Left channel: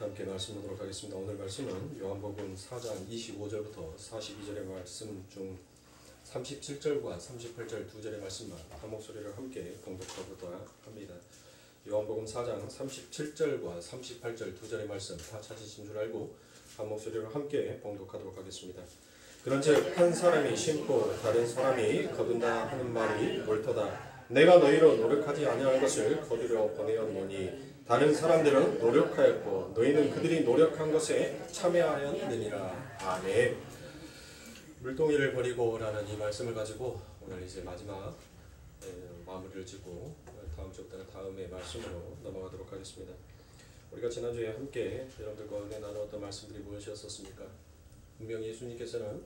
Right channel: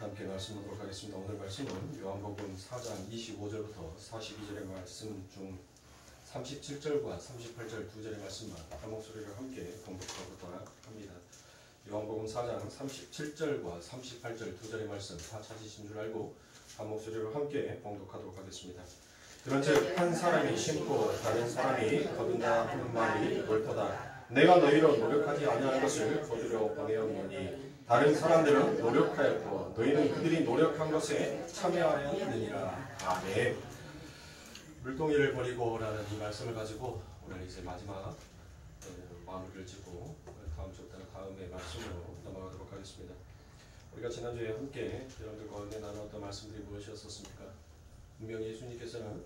함께 말씀 보도록 하겠습니다. 오늘 말씀은 요한복음 4장 25절부터 42절의 말씀 중 37절과 38절 두 절의 말씀만 한 목소리를 함께 봉독하고자 합니다. 요한복음 4장 37절과 38절 두 절의 말씀 다 찾으신 줄 알고 한 목소리로 함께 봉독하도록 하겠습니다. 그런즉 한 사람이 심고 다른 사람이 거둔다 하는 말이 옳도다. 내가 너희로 노력하지 아니할 것을 거두려 보내었노니 다른 사람들은 노력하였고 너희는 그들이 노력한 것에 참여하였느니라. 아멘. 물동이를 버리고 라는 이 말씀을 가지고 오늘 이제 마지막 마무리를 짓고 다음의 말씀으로 넘어가도록 하겠습니다. 우리가 지난주에 함께 여러분들과 은혜 나누었던 말씀들이 무엇이었습니까? 분명히 예수님께서는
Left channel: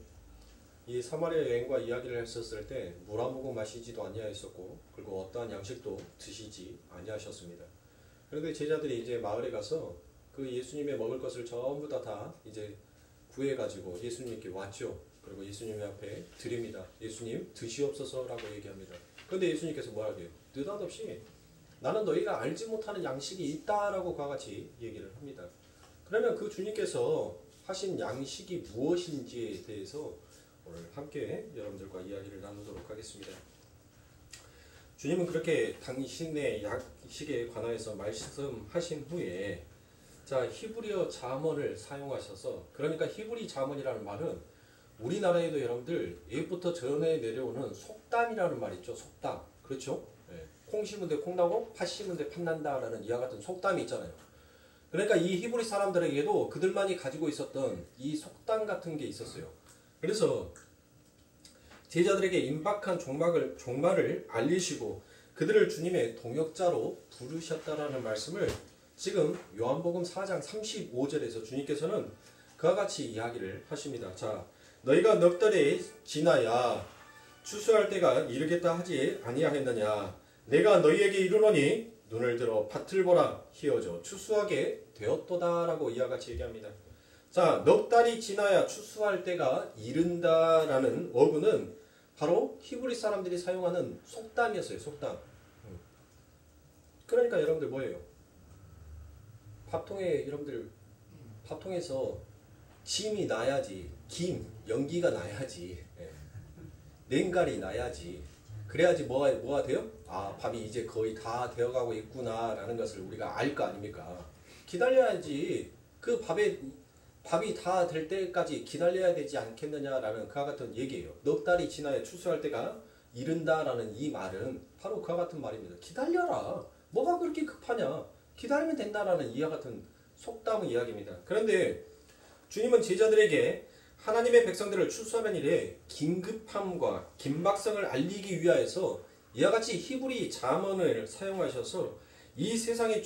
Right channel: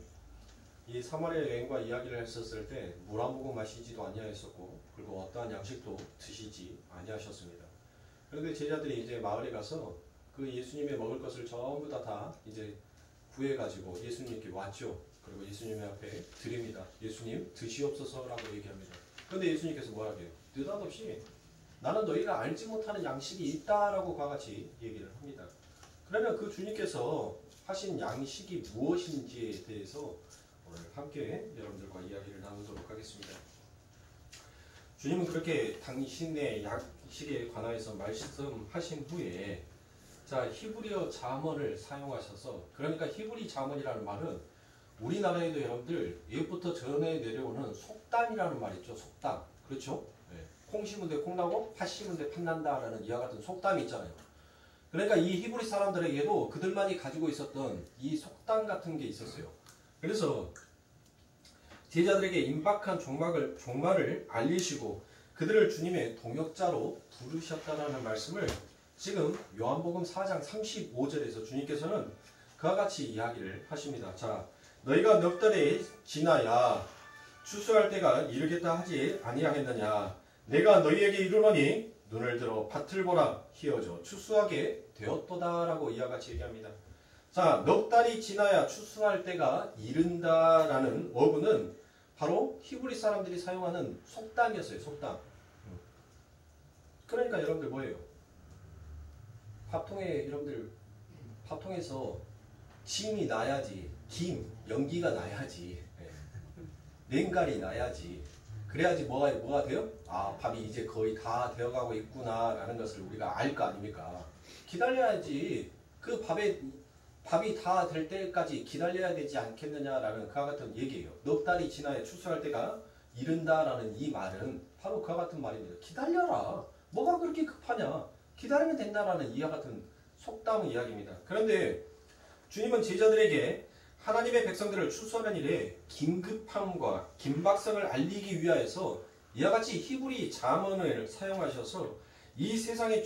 이 사마리아 여인과 이야기를 했었을 때 물 한 모금 마시지도 아니하였었고 그리고 어떠한 양식도 드시지 아니하셨습니다. 그런데 제자들이 이제 마을에 가서 그 예수님의 먹을 것을 전부 다 이제 구해가지고 예수님께 왔죠. 그리고 예수님 앞에 드립니다. 예수님 드시옵소서라고 얘기합니다. 그런데 예수님께서 뭐라고 해요? 느닷없이 나는 너희가 알지 못하는 양식이 있다라고 그와 같이 얘기를 합니다. 그러면 그 주님께서 하신 양식이 무엇인지에 대해서 오늘 함께 여러분들과 이야기를 나누도록 하겠습니다. 주님은 그렇게 당신의 양식에 관하여서 말씀하신 후에 히브리어 자문을 사용하셔서, 그러니까 히브리 자문이라는 말은 우리나라에도 여러분들 예부터 전해 내려오는 속담이라는 말 있죠. 속담. 그렇죠? 네. 콩 심은 데 콩 나고 팥 심은 데 팥 난다라는 이와 같은 속담이 있잖아요. 그러니까 이 히브리 사람들에게도 그들만이 가지고 있었던 이 속담 같은 게 있었어요. 그래서 제자들에게 임박한 종말을 알리시고 그들을 주님의 동역자로 부르셨다라는 말씀을 지금 요한복음 4장 35절에서 주님께서는 그와 같이 이야기를 하십니다. 자, 너희가 넉 달이 지나야 추수할 때가 이르겠다 하지 아니하겠느냐. 내가 너희에게 이르노니 눈을 들어 밭을 보라. 희어져 추수하게 되었도다라고 이와 같이 얘기합니다. 자, 넉 달이 지나야 추수할 때가 이른다라는 어구는 바로 히브리 사람들이 사용하는 속담이었어요. 속담. 그러니까 여러분들 뭐예요? 밥통에서 김이 나야지, 연기가 나야지, 냉갈이 나야지, 그래야지 뭐가 돼요? 아, 밥이 이제 거의 다 되어가고 있구나 라는 것을 우리가 알 거 아닙니까? 기다려야지. 그 밥이 다 될 때까지 기다려야 되지 않겠느냐라는 그와 같은 얘기예요. 넉 달이 지나야 추수할 때가 이른다라는 이 말은 바로 그와 같은 말입니다. 기다려라. 뭐가 그렇게 급하냐. 기다리면 된다라는 이와 같은 속담의 이야기입니다. 그런데 주님은 제자들에게 하나님의 백성들을 추수하는 일에 긴급함과 긴박성을 알리기 위하여서 이와 같이 히브리 자문을 사용하셔서 이 세상의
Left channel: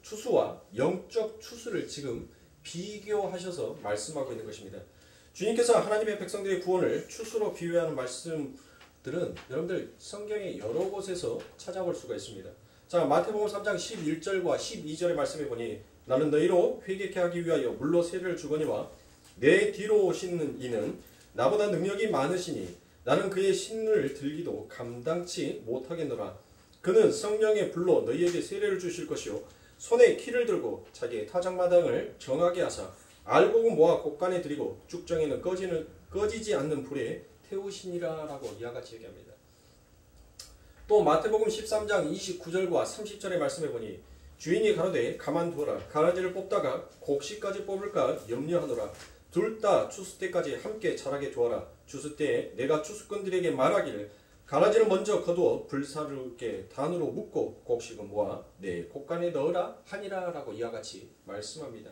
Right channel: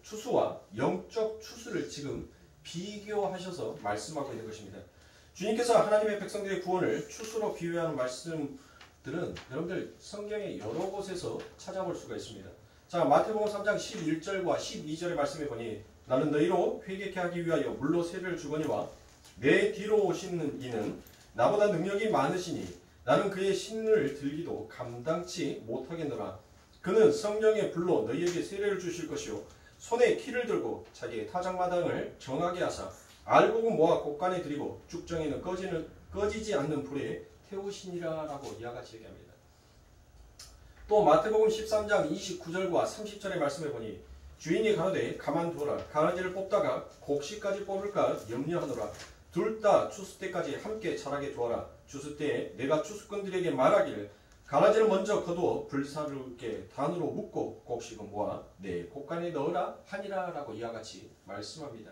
추수와 영적 추수를 지금 비교하셔서 말씀하고 있는 것입니다. 주님께서 하나님의 백성들의 구원을 추수로 비유하는 말씀들은 여러분들 성경의 여러 곳에서 찾아볼 수가 있습니다. 자, 마태복음 3장 11절과 12절의 말씀에 보니 나는 너희로 회개케 하기 위하여 물로 세례를 주거니와 내 뒤로 오시는 이는 나보다 능력이 많으시니 나는 그의 신을 들기도 감당치 못하겠노라. 그는 성령의 불로 너희에게 세례를 주실 것이요 손에 키를 들고 자기의 타작마당을 정하게 하사 알곡은 모아 곳간에 들이고 죽정에는 꺼지지 않는 불에 태우시니라 라고 이와 같이 얘기합니다. 또 마태복음 13장 29절과 30절의 말씀에 보니 주인이 가로되 가만두어라. 가라지를 뽑다가 곡식까지 뽑을까 염려하노라. 둘 다 추수 때까지 함께 자라게 두어라. 추수 때에 내가 추수꾼들에게 말하기를 가라지를 먼저 거두어 불사르게 단으로 묶고 곡식은 모아 내 곡간에 넣으라 하니라 라고 이와 같이 말씀합니다.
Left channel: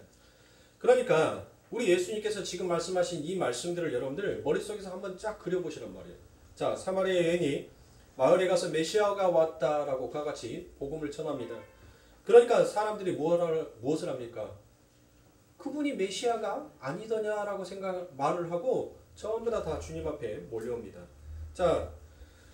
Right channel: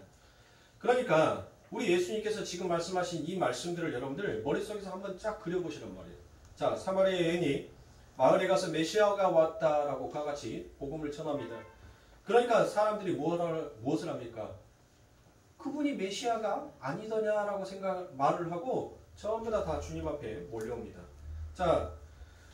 그러니까 우리 예수님께서 지금 말씀하신 이 말씀들을 여러분들 머릿속에서 한번 쫙 그려보시란 말이에요. 자, 사마리아 여인이 마을에 가서 메시아가 왔다라고 그와 같이 복음을 전합니다. 그러니까 사람들이 무엇을 합니까? 그분이 메시아가 아니더냐라고 말을 하고 전부 다 주님 앞에 몰려옵니다. 자,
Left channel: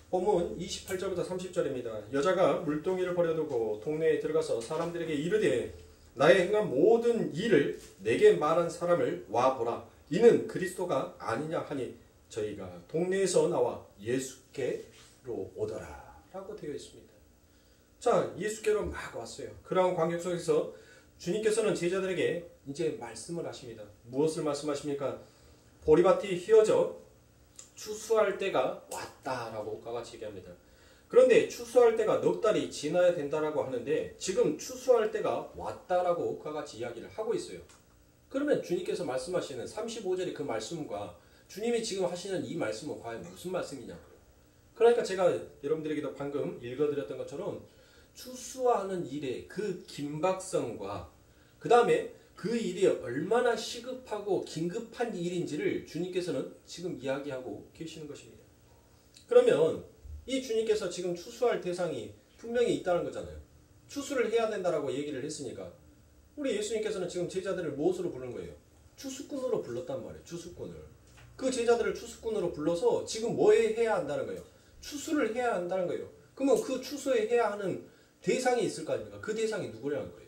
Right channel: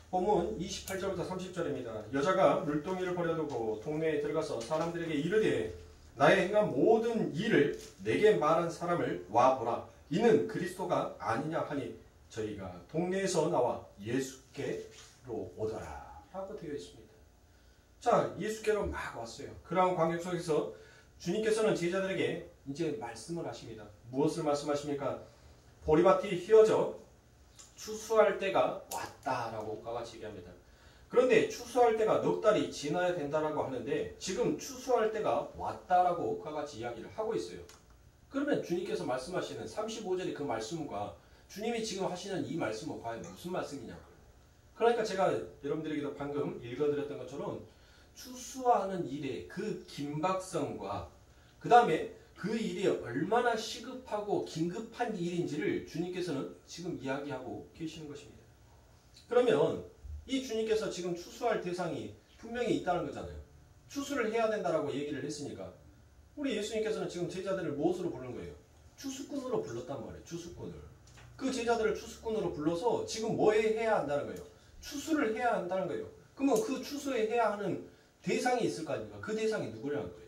본문 28절부터 30절입니다. 여자가 물동이를 버려두고 동네에 들어가서 사람들에게 이르되 나의 행한 모든 일을 내게 말한 사람을 와보라. 이는 그리스도가 아니냐 하니 저희가 동네에서 나와 예수께로 오더라 라고 되어 있습니다. 자, 예수께로 막 왔어요. 그러한 광경 속에서 주님께서는 제자들에게 이제 말씀을 하십니다. 무엇을 말씀하십니까? 보리밭이 휘어져 추수할 때가 왔다라고 같이 얘기합니다. 그런데 추수할 때가 넉 달이 지나야 된다라고 하는데 지금 추수할 때가 왔다라고 그와 같이 이야기를 하고 있어요. 그러면 주님께서 말씀하시는 35절의 그 말씀과 주님이 지금 하시는 이 말씀은 과연 무슨 말씀이냐고요. 그러니까 제가 여러분들에게도 방금 읽어드렸던 것처럼 추수하는 일의 그 긴박성과 그 다음에 그 일이 얼마나 시급하고 긴급한 일인지를 주님께서는 지금 이야기하고 계시는 것입니다. 그러면 이 주님께서 지금 추수할 대상이 분명히 있다는 거잖아요. 추수를 해야 된다라고 얘기를 했으니까 우리 예수님께서는 지금 제자들을 무엇으로 부른 거예요? 추수꾼으로 불렀단 말이에요. 추수꾼을. 그 제자들을 추수꾼으로 불러서 지금 뭐 해야 한다는 거예요? 추수를 해야 한다는 거예요. 그러면 그 추수에 해야 하는 대상이 있을 거 아닙니까? 그 대상이 누구라는 거예요?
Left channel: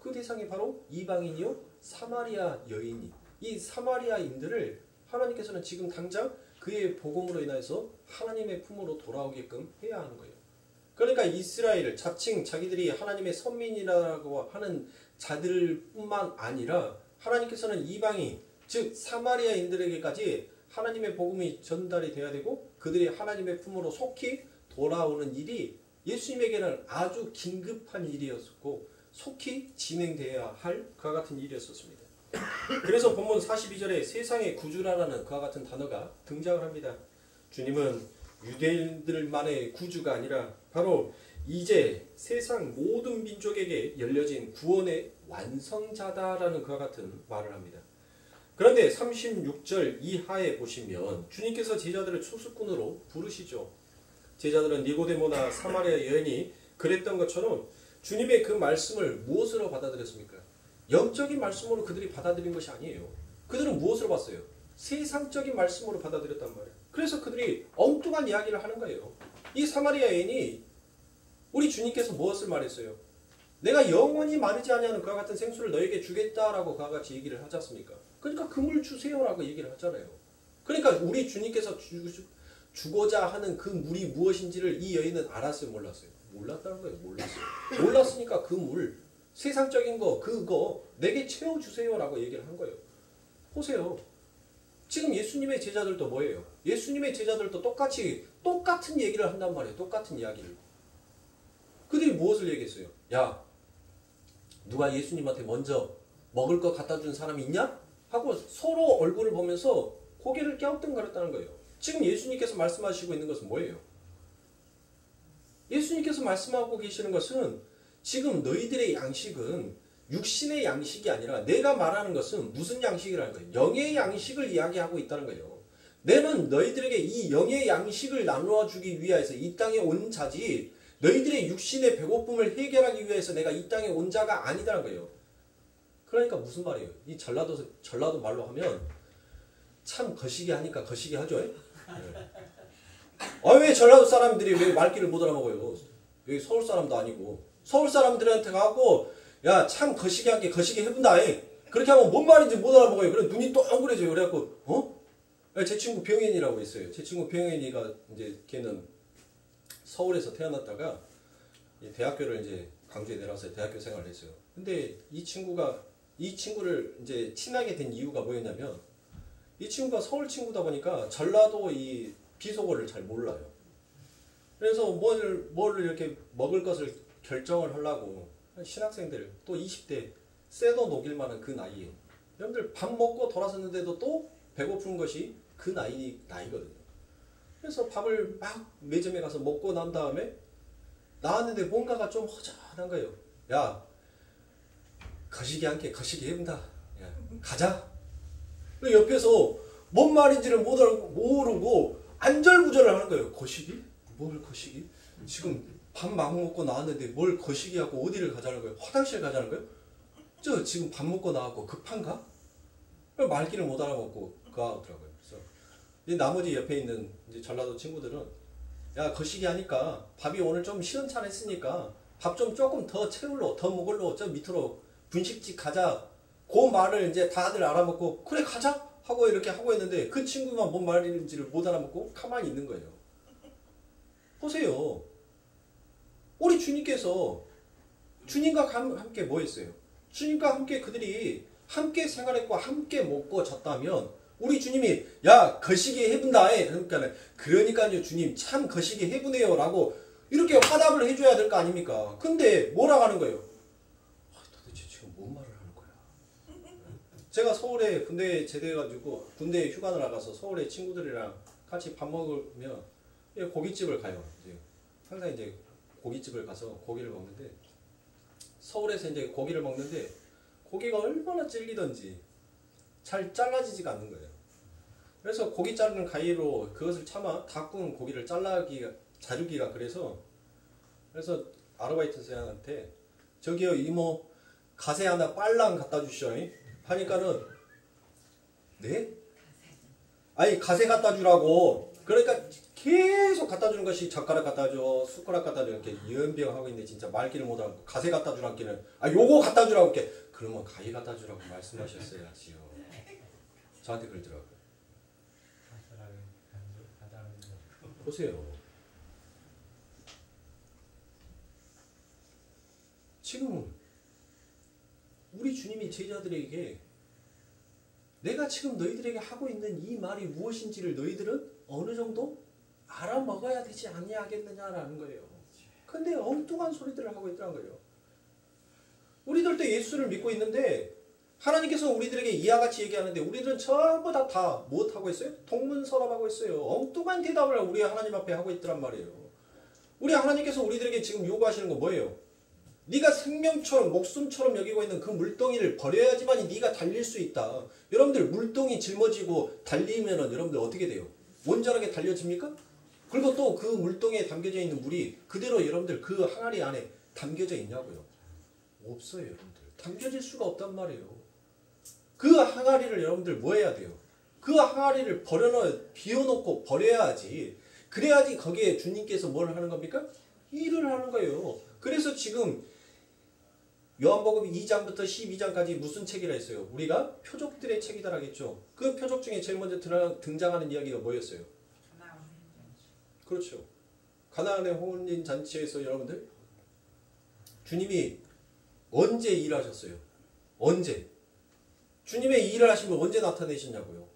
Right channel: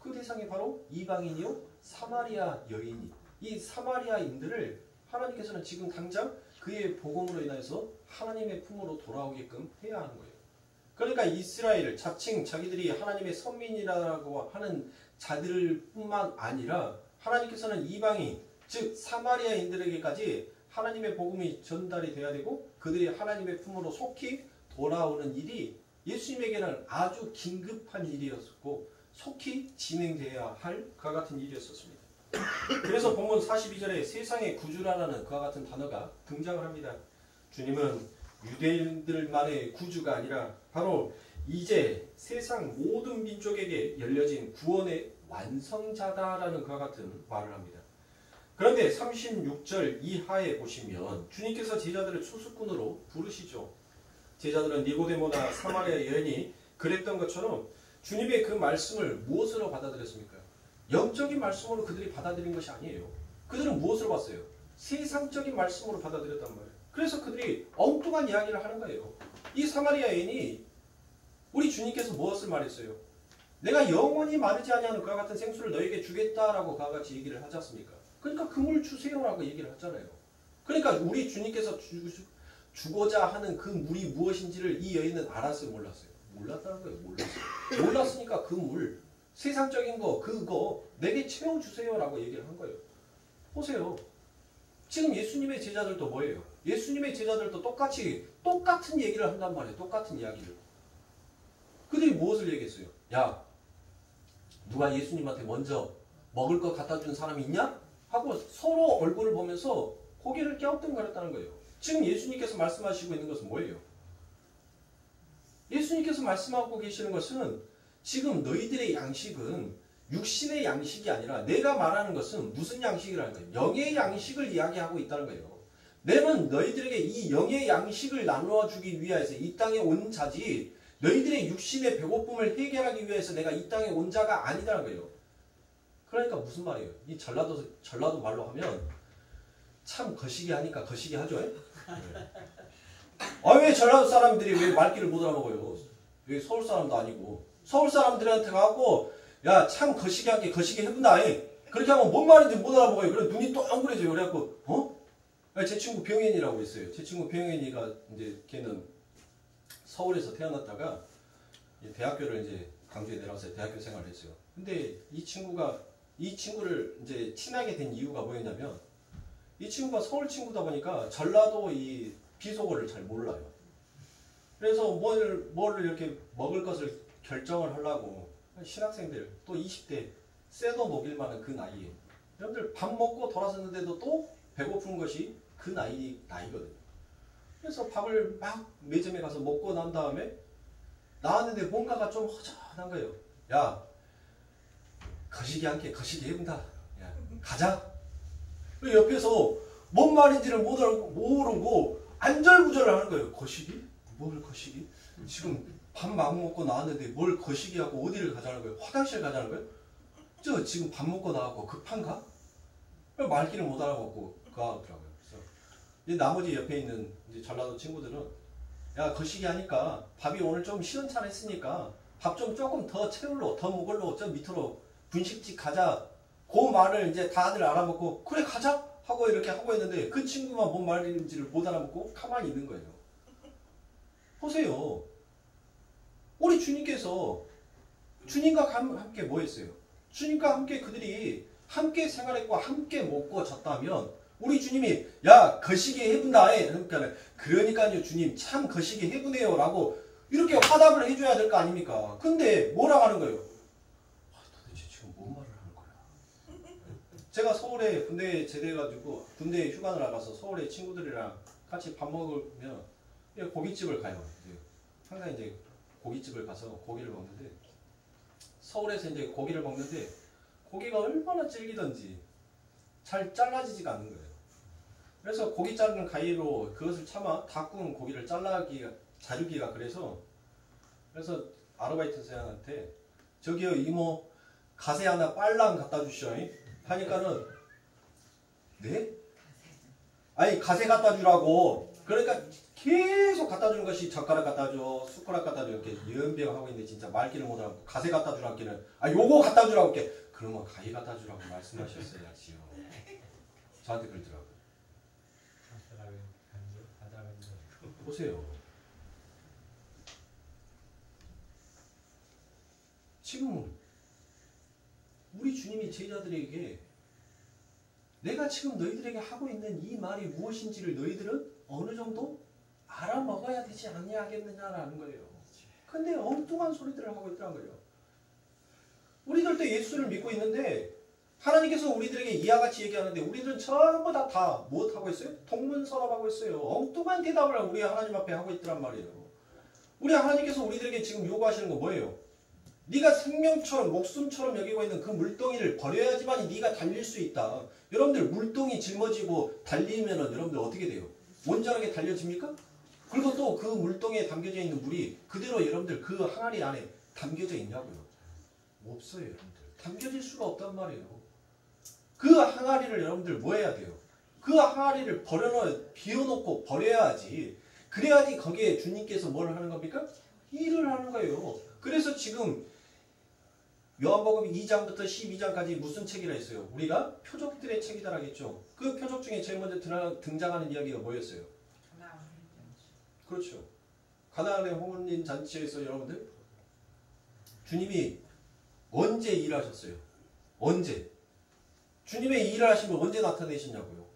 그 대상이 바로 이방인이요 사마리아 여인이. 이 사마리아인들을 하나님께서는 지금 당장 그의 복음으로 인해서 하나님의 품으로 돌아오게끔 해야 하는 거예요. 그러니까 이스라엘 자칭 자기들이 하나님의 선민이라고 하는 자들뿐만 아니라 하나님께서는 이방인 즉 사마리아인들에게까지 하나님의 복음이 전달이 돼야 되고 그들이 하나님의 품으로 속히 돌아오는 일이 예수님에게는 아주 긴급한 일이었고 속히 진행되어야 할 그와 같은 일이었습니다. 그래서 본문 42절에 세상의 구주라는 그와 같은 단어가 등장을 합니다. 주님은 유대인들만의 구주가 아니라 바로 이제 세상 모든 민족에게 열려진 구원의 완성자다라는 그와 같은 말을 합니다. 그런데 36절 이하에 보시면 주님께서 제자들을 추수꾼으로 부르시죠. 제자들은 니고데모나 사마리아 여인이 그랬던 것처럼 주님의 그 말씀을 무엇으로 받아들였습니까? 영적인 말씀으로 그들이 받아들인 것이 아니에요. 그들은 무엇으로 봤어요? 세상적인 말씀으로 받아들였단 말이에요. 그래서 그들이 엉뚱한 이야기를 하는 거예요. 이 사마리아 여인이 우리 주님께서 무엇을 말했어요? 내가 영원히 마르지 아니하는 그와 같은 생수를 너에게 주겠다라고 그와 같이 얘기를 하지 않습니까? 그러니까 그 물 주세요라고 얘기를 하잖아요. 그러니까 우리 주님께서 주고자 하는 그 물이 무엇인지를 이 여인은 알았어요? 몰랐어요? 몰랐다는 거예요. 몰랐어요. 몰랐으니까 그 물, 세상적인 거, 그거 내게 채워주세요라고 얘기를 한 거예요. 보세요. 지금 예수님의 제자들도 뭐예요? 예수님의 제자들도 똑같은 얘기를 한단 말이에요. 똑같은 이야기를. 그들이 무엇을 얘기했어요? 야, 누가 예수님한테 먼저 먹을 거 갖다 준 사람이 있냐? 하고 서로 얼굴을 보면서 고개를 갸우뚱거렸다는 거예요. 지금 예수님께서 말씀하시고 있는 것은 뭐예요? 예수님께서 말씀하고 계시는 것은 지금 너희들의 양식은 육신의 양식이 아니라 내가 말하는 것은 무슨 양식이라는 거예요? 영의 양식을 이야기하고 있다는 거예요. 내는 너희들에게 이 영의 양식을 나누어 주기 위해서 이 땅에 온 자지 너희들의 육신의 배고픔을 해결하기 위해서 내가 이 땅에 온 자가 아니다라는 거예요. 그러니까 무슨 말이에요? 이 전라도 말로 하면 참 거시기 하니까 거시기 하죠. 네. 아, 왜 전라도 사람들이 왜 말귀를 못 알아먹어요? 여기 서울 사람도 아니고 서울 사람들한테 가고 야, 참 거시기하게 거시기 해본다. 그렇게 하면 뭔 말인지 못 알아먹어요. 그래 눈이 동그래져요. 그래갖고 제 친구 병현이라고 있어요. 제 친구 병현이가 이제 걔는 서울에서 태어났다가 대학교를 이제 광주에 내려와서 대학교 생활을 했어요. 근데 이 친구를 이제 친하게 된 이유가 뭐였냐면 이 친구가 서울 친구다 보니까 전라도 이 비속어를 잘 몰라요. 그래서 뭘 이렇게 먹을 것을 결정을 하려고 신학생들 또 20대 쇠도 녹일 만한 그 나이에 여러분들 밥 먹고 돌아섰는데도 또 배고픈 것이 그 나이거든요. 그래서 밥을 막 매점에 가서 먹고 난 다음에 나왔는데 뭔가가 좀 허전한 거예요. 야, 거시기 않게 거시기 해본다. 야, 가자. 옆에서 뭔 말인지를 모르고 안절부절을 하는 거예요. 거시기? 뭘 거시기? 지금 밥 막 먹고 나왔는데 뭘 거시기하고 어디를 가자는 거예요? 화장실 가자는 거예요? 저 지금 밥 먹고 나왔고 급한가? 말귀를 못 알아먹고 가더라고요. 그래서 나머지 옆에 있는 이제 전라도 친구들은 야, 거시기 하니까 밥이 오늘 좀 시원찮았으니까 밥 좀 조금 더 채울러 더 먹을러 저 밑으로 분식집 가자. 그 말을 이제 다들 알아먹고 그래 가자 하고 이렇게 하고 있는데 그 친구만 뭔 말인지를 못 알아먹고 가만히 있는 거예요. 보세요. 우리 주님께서 주님과 함께 뭐 했어요? 주님과 함께 그들이 함께 생활했고 함께 먹고 잤다면 우리 주님이 야 거시기 해분다 그러니까요 주님 참 거시기 해분해요 라고 이렇게 화답을 해줘야 될 거 아닙니까? 근데 뭐라고 하는 거예요? 도대체 지금 뭔 말을 하는 거야? 제가 서울에 군대에 제대해가지고 군대에 휴가 나가서 서울에 친구들이랑 같이 밥 먹으면 고깃집을 가요. 항상 이제 고깃집을 가서 고기를 먹는데 서울에서 이제 고기를 먹는데 고기가 얼마나 질리던지 잘 잘라지지가 않는 거예요. 그래서 고기 자르는 가위로 그것을 참아 다 구운 고기를 자르기가 그래서 아르바이트생한테 저기요 이모 가세 하나 빨랑 갖다 주시오 하니까는 네? 아니 가세 갖다 주라고 그러니까 계속 갖다 주는 것이 젓가락 갖다 줘 숟가락 갖다 줘 이렇게 연병하고 있는데 진짜 말귀를 못하고 가세 갖다 주라기는 요거 갖다 주라고 이렇게 그러면 가위 갖다 주라고 말씀하셨어야지요. 저한테 그러더라고요. 보세요. 지금 우리 주님이 제자들에게 내가 지금 너희들에게 하고 있는 이 말이 무엇인지를 너희들은 어느 정도 알아먹어야 되지 않냐겠느냐라는 거예요. 근데 엉뚱한 소리들을 하고 있더란 거예요. 우리들도 예수를 믿고 있는데 하나님께서 우리들에게 이와 같이 얘기하는데 우리들은 전부 다 무엇하고 있어요? 동문서답하고 있어요. 엉뚱한 대답을 우리 하나님 앞에 하고 있더란 말이에요. 우리 하나님께서 우리들에게 지금 요구하시는 거 뭐예요? 네가 생명처럼 목숨처럼 여기고 있는 그 물동이를 버려야지만 네가 달릴 수 있다. 여러분들 물동이 짊어지고 달리면은 여러분들 어떻게 돼요? 온전하게 달려집니까? 그리고 또 그 물동에 담겨져 있는 물이 그대로 여러분들 그 항아리 안에 담겨져 있냐고요? 없어요, 여러분들. 담겨질 수가 없단 말이에요. 그 항아리를 여러분들 뭐 해야 돼요? 그 항아리를 비워놓고 버려야지. 그래야지 거기에 주님께서 뭘 하는 겁니까? 일을 하는 거예요. 그래서 지금 요한복음 2장부터 12장까지 무슨 책이라 했어요? 우리가 표적들의 책이다 하겠죠. 그 표적 중에 제일 먼저 등장하는 이야기가 뭐였어요? 그렇죠. 가나안의 혼인 잔치에서 여러분들 주님이 언제 일하셨어요? 언제? 주님의 일을 하시면 언제 나타내시냐고요?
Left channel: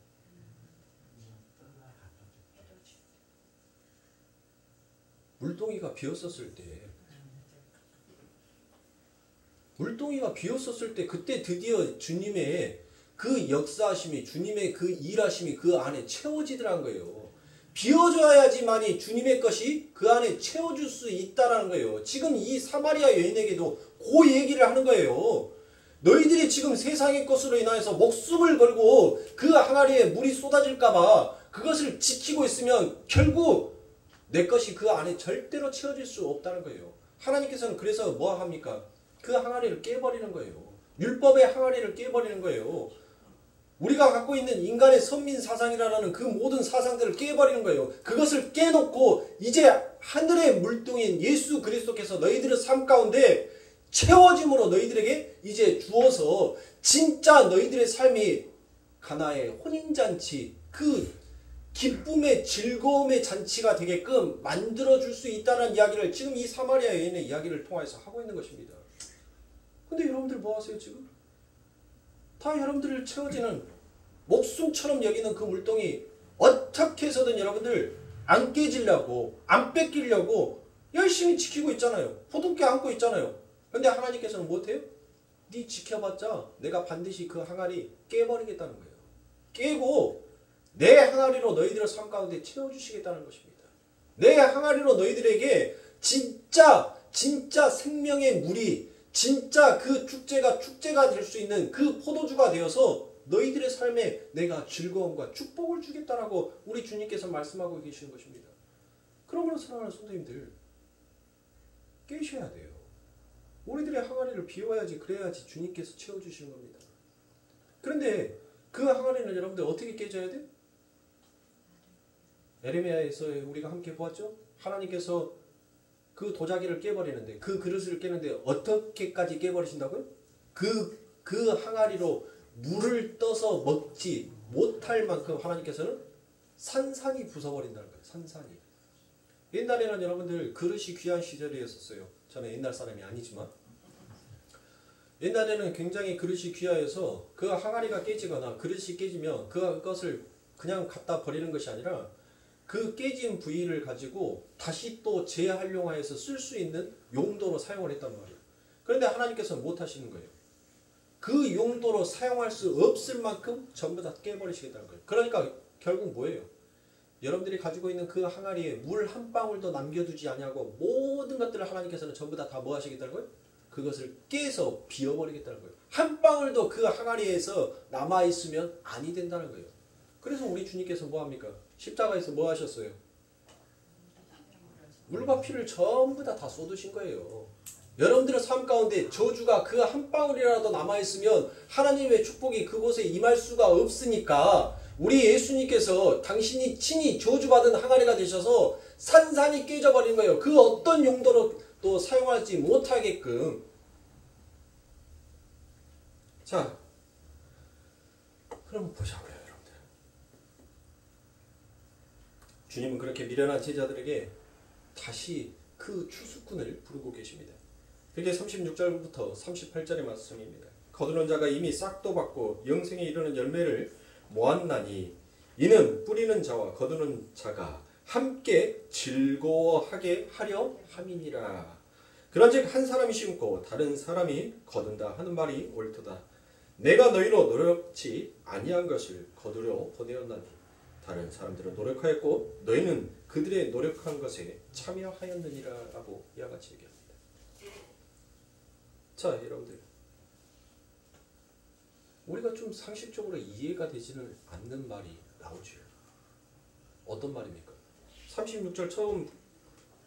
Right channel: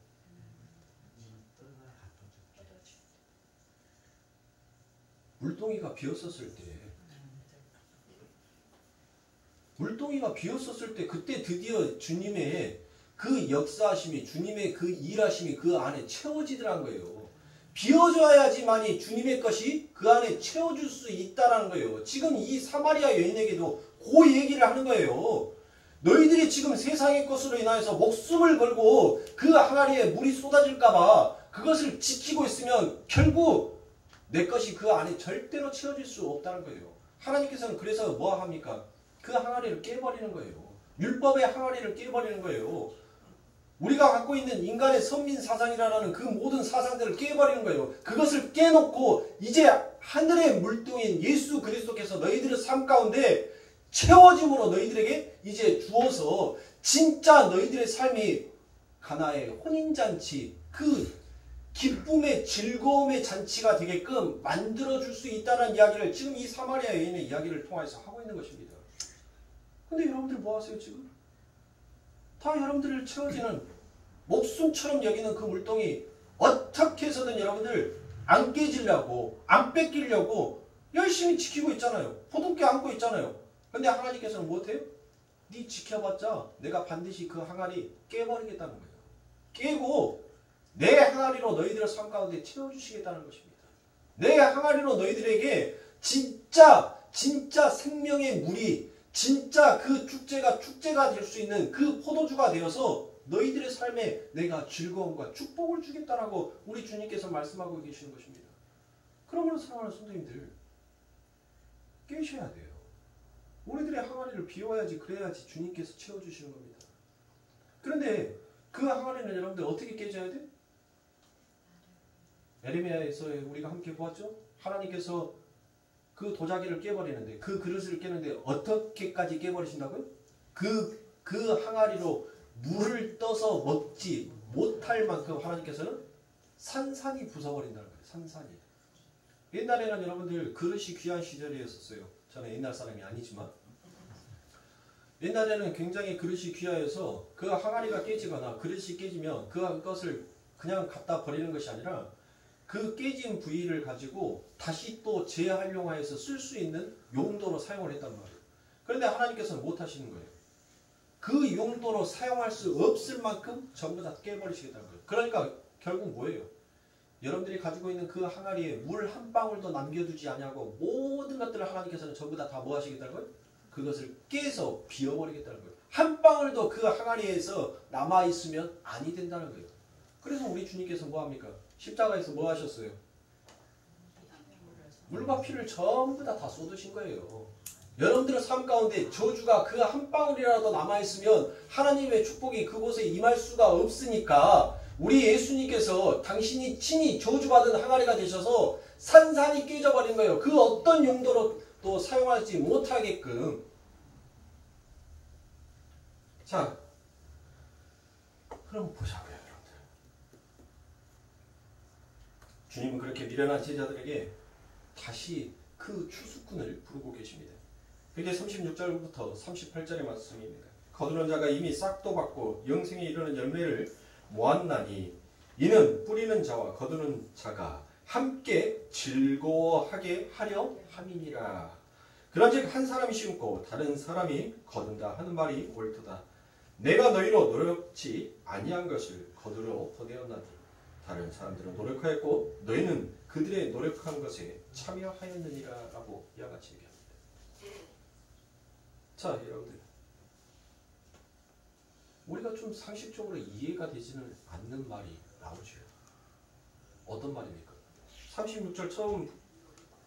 물동이가 비었었을 때 그때 드디어 주님의 그 역사하심이 주님의 그 일하심이 그 안에 채워지더란 거예요. 비워줘야지만이 주님의 것이 그 안에 채워줄 수 있다는 거예요. 지금 이 사마리아 여인에게도 그 얘기를 하는 거예요. 너희들이 지금 세상의 것으로 인하여서 목숨을 걸고 그 항아리에 물이 쏟아질까봐 그것을 지키고 있으면 결국 내 것이 그 안에 절대로 채워질 수 없다는 거예요. 하나님께서는 그래서 뭐 합니까? 그 항아리를 깨버리는 거예요. 율법의 항아리를 깨버리는 거예요. 우리가 갖고 있는 인간의 선민 사상이라는 그 모든 사상들을 깨버리는 거예요. 그것을 깨놓고 이제 하늘의 물동인 예수 그리스도께서 너희들의 삶 가운데 채워짐으로 너희들에게 이제 주어서 진짜 너희들의 삶이 가나의 혼인잔치 그 기쁨의 즐거움의 잔치가 되게끔 만들어줄 수 있다는 이야기를 지금 이 사마리아 여인의 이야기를 통해서 하고 있는 것입니다. 근데 여러분들 뭐 하세요 지금? 다 여러분들을 채워지는 목숨처럼 여기는 그 물동이 어떻게 해서든 여러분들 안 깨지려고 안 뺏기려고 열심히 지키고 있잖아요. 부둥켜 안고 있잖아요. 근데 하나님께서는 못해요? 네 지켜봤자 내가 반드시 그 항아리 깨버리겠다는 거예요. 깨고 내 항아리로 너희들의 삶 가운데 채워주시겠다는 것입니다. 내 항아리로 너희들에게 진짜 생명의 물이 진짜 그 축제가 될 수 있는 그 포도주가 되어서 너희들의 삶에 내가 즐거움과 축복을 주겠다라고 우리 주님께서 말씀하고 계시는 것입니다. 그러므로 사랑하는 성도님들 깨셔야 돼요. 우리들의 항아리를 비워야지 그래야지 주님께서 채워주시는 겁니다. 그런데 그 항아리는 여러분들 어떻게 깨져야 돼? 에레미야에서 우리가 함께 보았죠? 하나님께서 그 도자기를 깨버리는데 그 그릇을 깨는데 어떻게까지 깨버리신다고요? 그 항아리로 물을 떠서 먹지 못할 만큼 하나님께서는 산산이 부숴버린다는 거예요. 산산이. 옛날에는 여러분들 그릇이 귀한 시절이었어요. 저는 옛날 사람이 아니지만 옛날에는 굉장히 그릇이 귀하여서 그 항아리가 깨지거나 그릇이 깨지면 그것을 그냥 갖다 버리는 것이 아니라 그 깨진 부위를 가지고 다시 또 재활용하여서 쓸 수 있는 용도로 사용을 했단 말이에요. 그런데 하나님께서는 못 하시는 거예요. 그 용도로 사용할 수 없을 만큼 전부 다 깨버리시겠다는 거예요. 그러니까 결국 뭐예요? 여러분들이 가지고 있는 그 항아리에 물 한 방울도 남겨두지 아니하고 모든 것들을 하나님께서는 전부 다 뭐 하시겠다는 거예요? 그것을 깨서 비워버리겠다는 거예요. 한 방울도 그 항아리에서 남아있으면 아니 된다는 거예요. 그래서 우리 주님께서 뭐 합니까? 십자가에서 뭐 하셨어요? 물과 피를 전부 다 쏟으신 거예요. 여러분들의 삶 가운데 저주가 그 한 방울이라도 남아있으면 하나님의 축복이 그곳에 임할 수가 없으니까 우리 예수님께서 당신이 친히 저주받은 항아리가 되셔서 산산이 깨져버린 거예요. 그 어떤 용도로 또 사용하지 못하게끔. 자, 그럼 보자고요, 여러분들. 주님은 그렇게 미련한 제자들에게 다시 그 추수꾼을 부르고 계십니다. 그게 36절부터 38절의 말씀입니다. 거두는 자가 이미 싹도 받고 영생에 이르는 열매를 모았나니 이는 뿌리는 자와 거두는 자가 함께 즐거워하게 하려 함이니라. 그런즉 한 사람이 심고 다른 사람이 거둔다 하는 말이 옳도다. 내가 너희로 노력치 아니한 것을 거두려 보내었나니 다른 사람들은 노력하였고 너희는 그들의 노력한 것에 참여하였느니라 라고 이와 같이 얘기합니다. 자, 여러분들, 우리가 좀 상식적으로 이해가 되지는 않는 말이 나오죠. 어떤 말입니까? 36절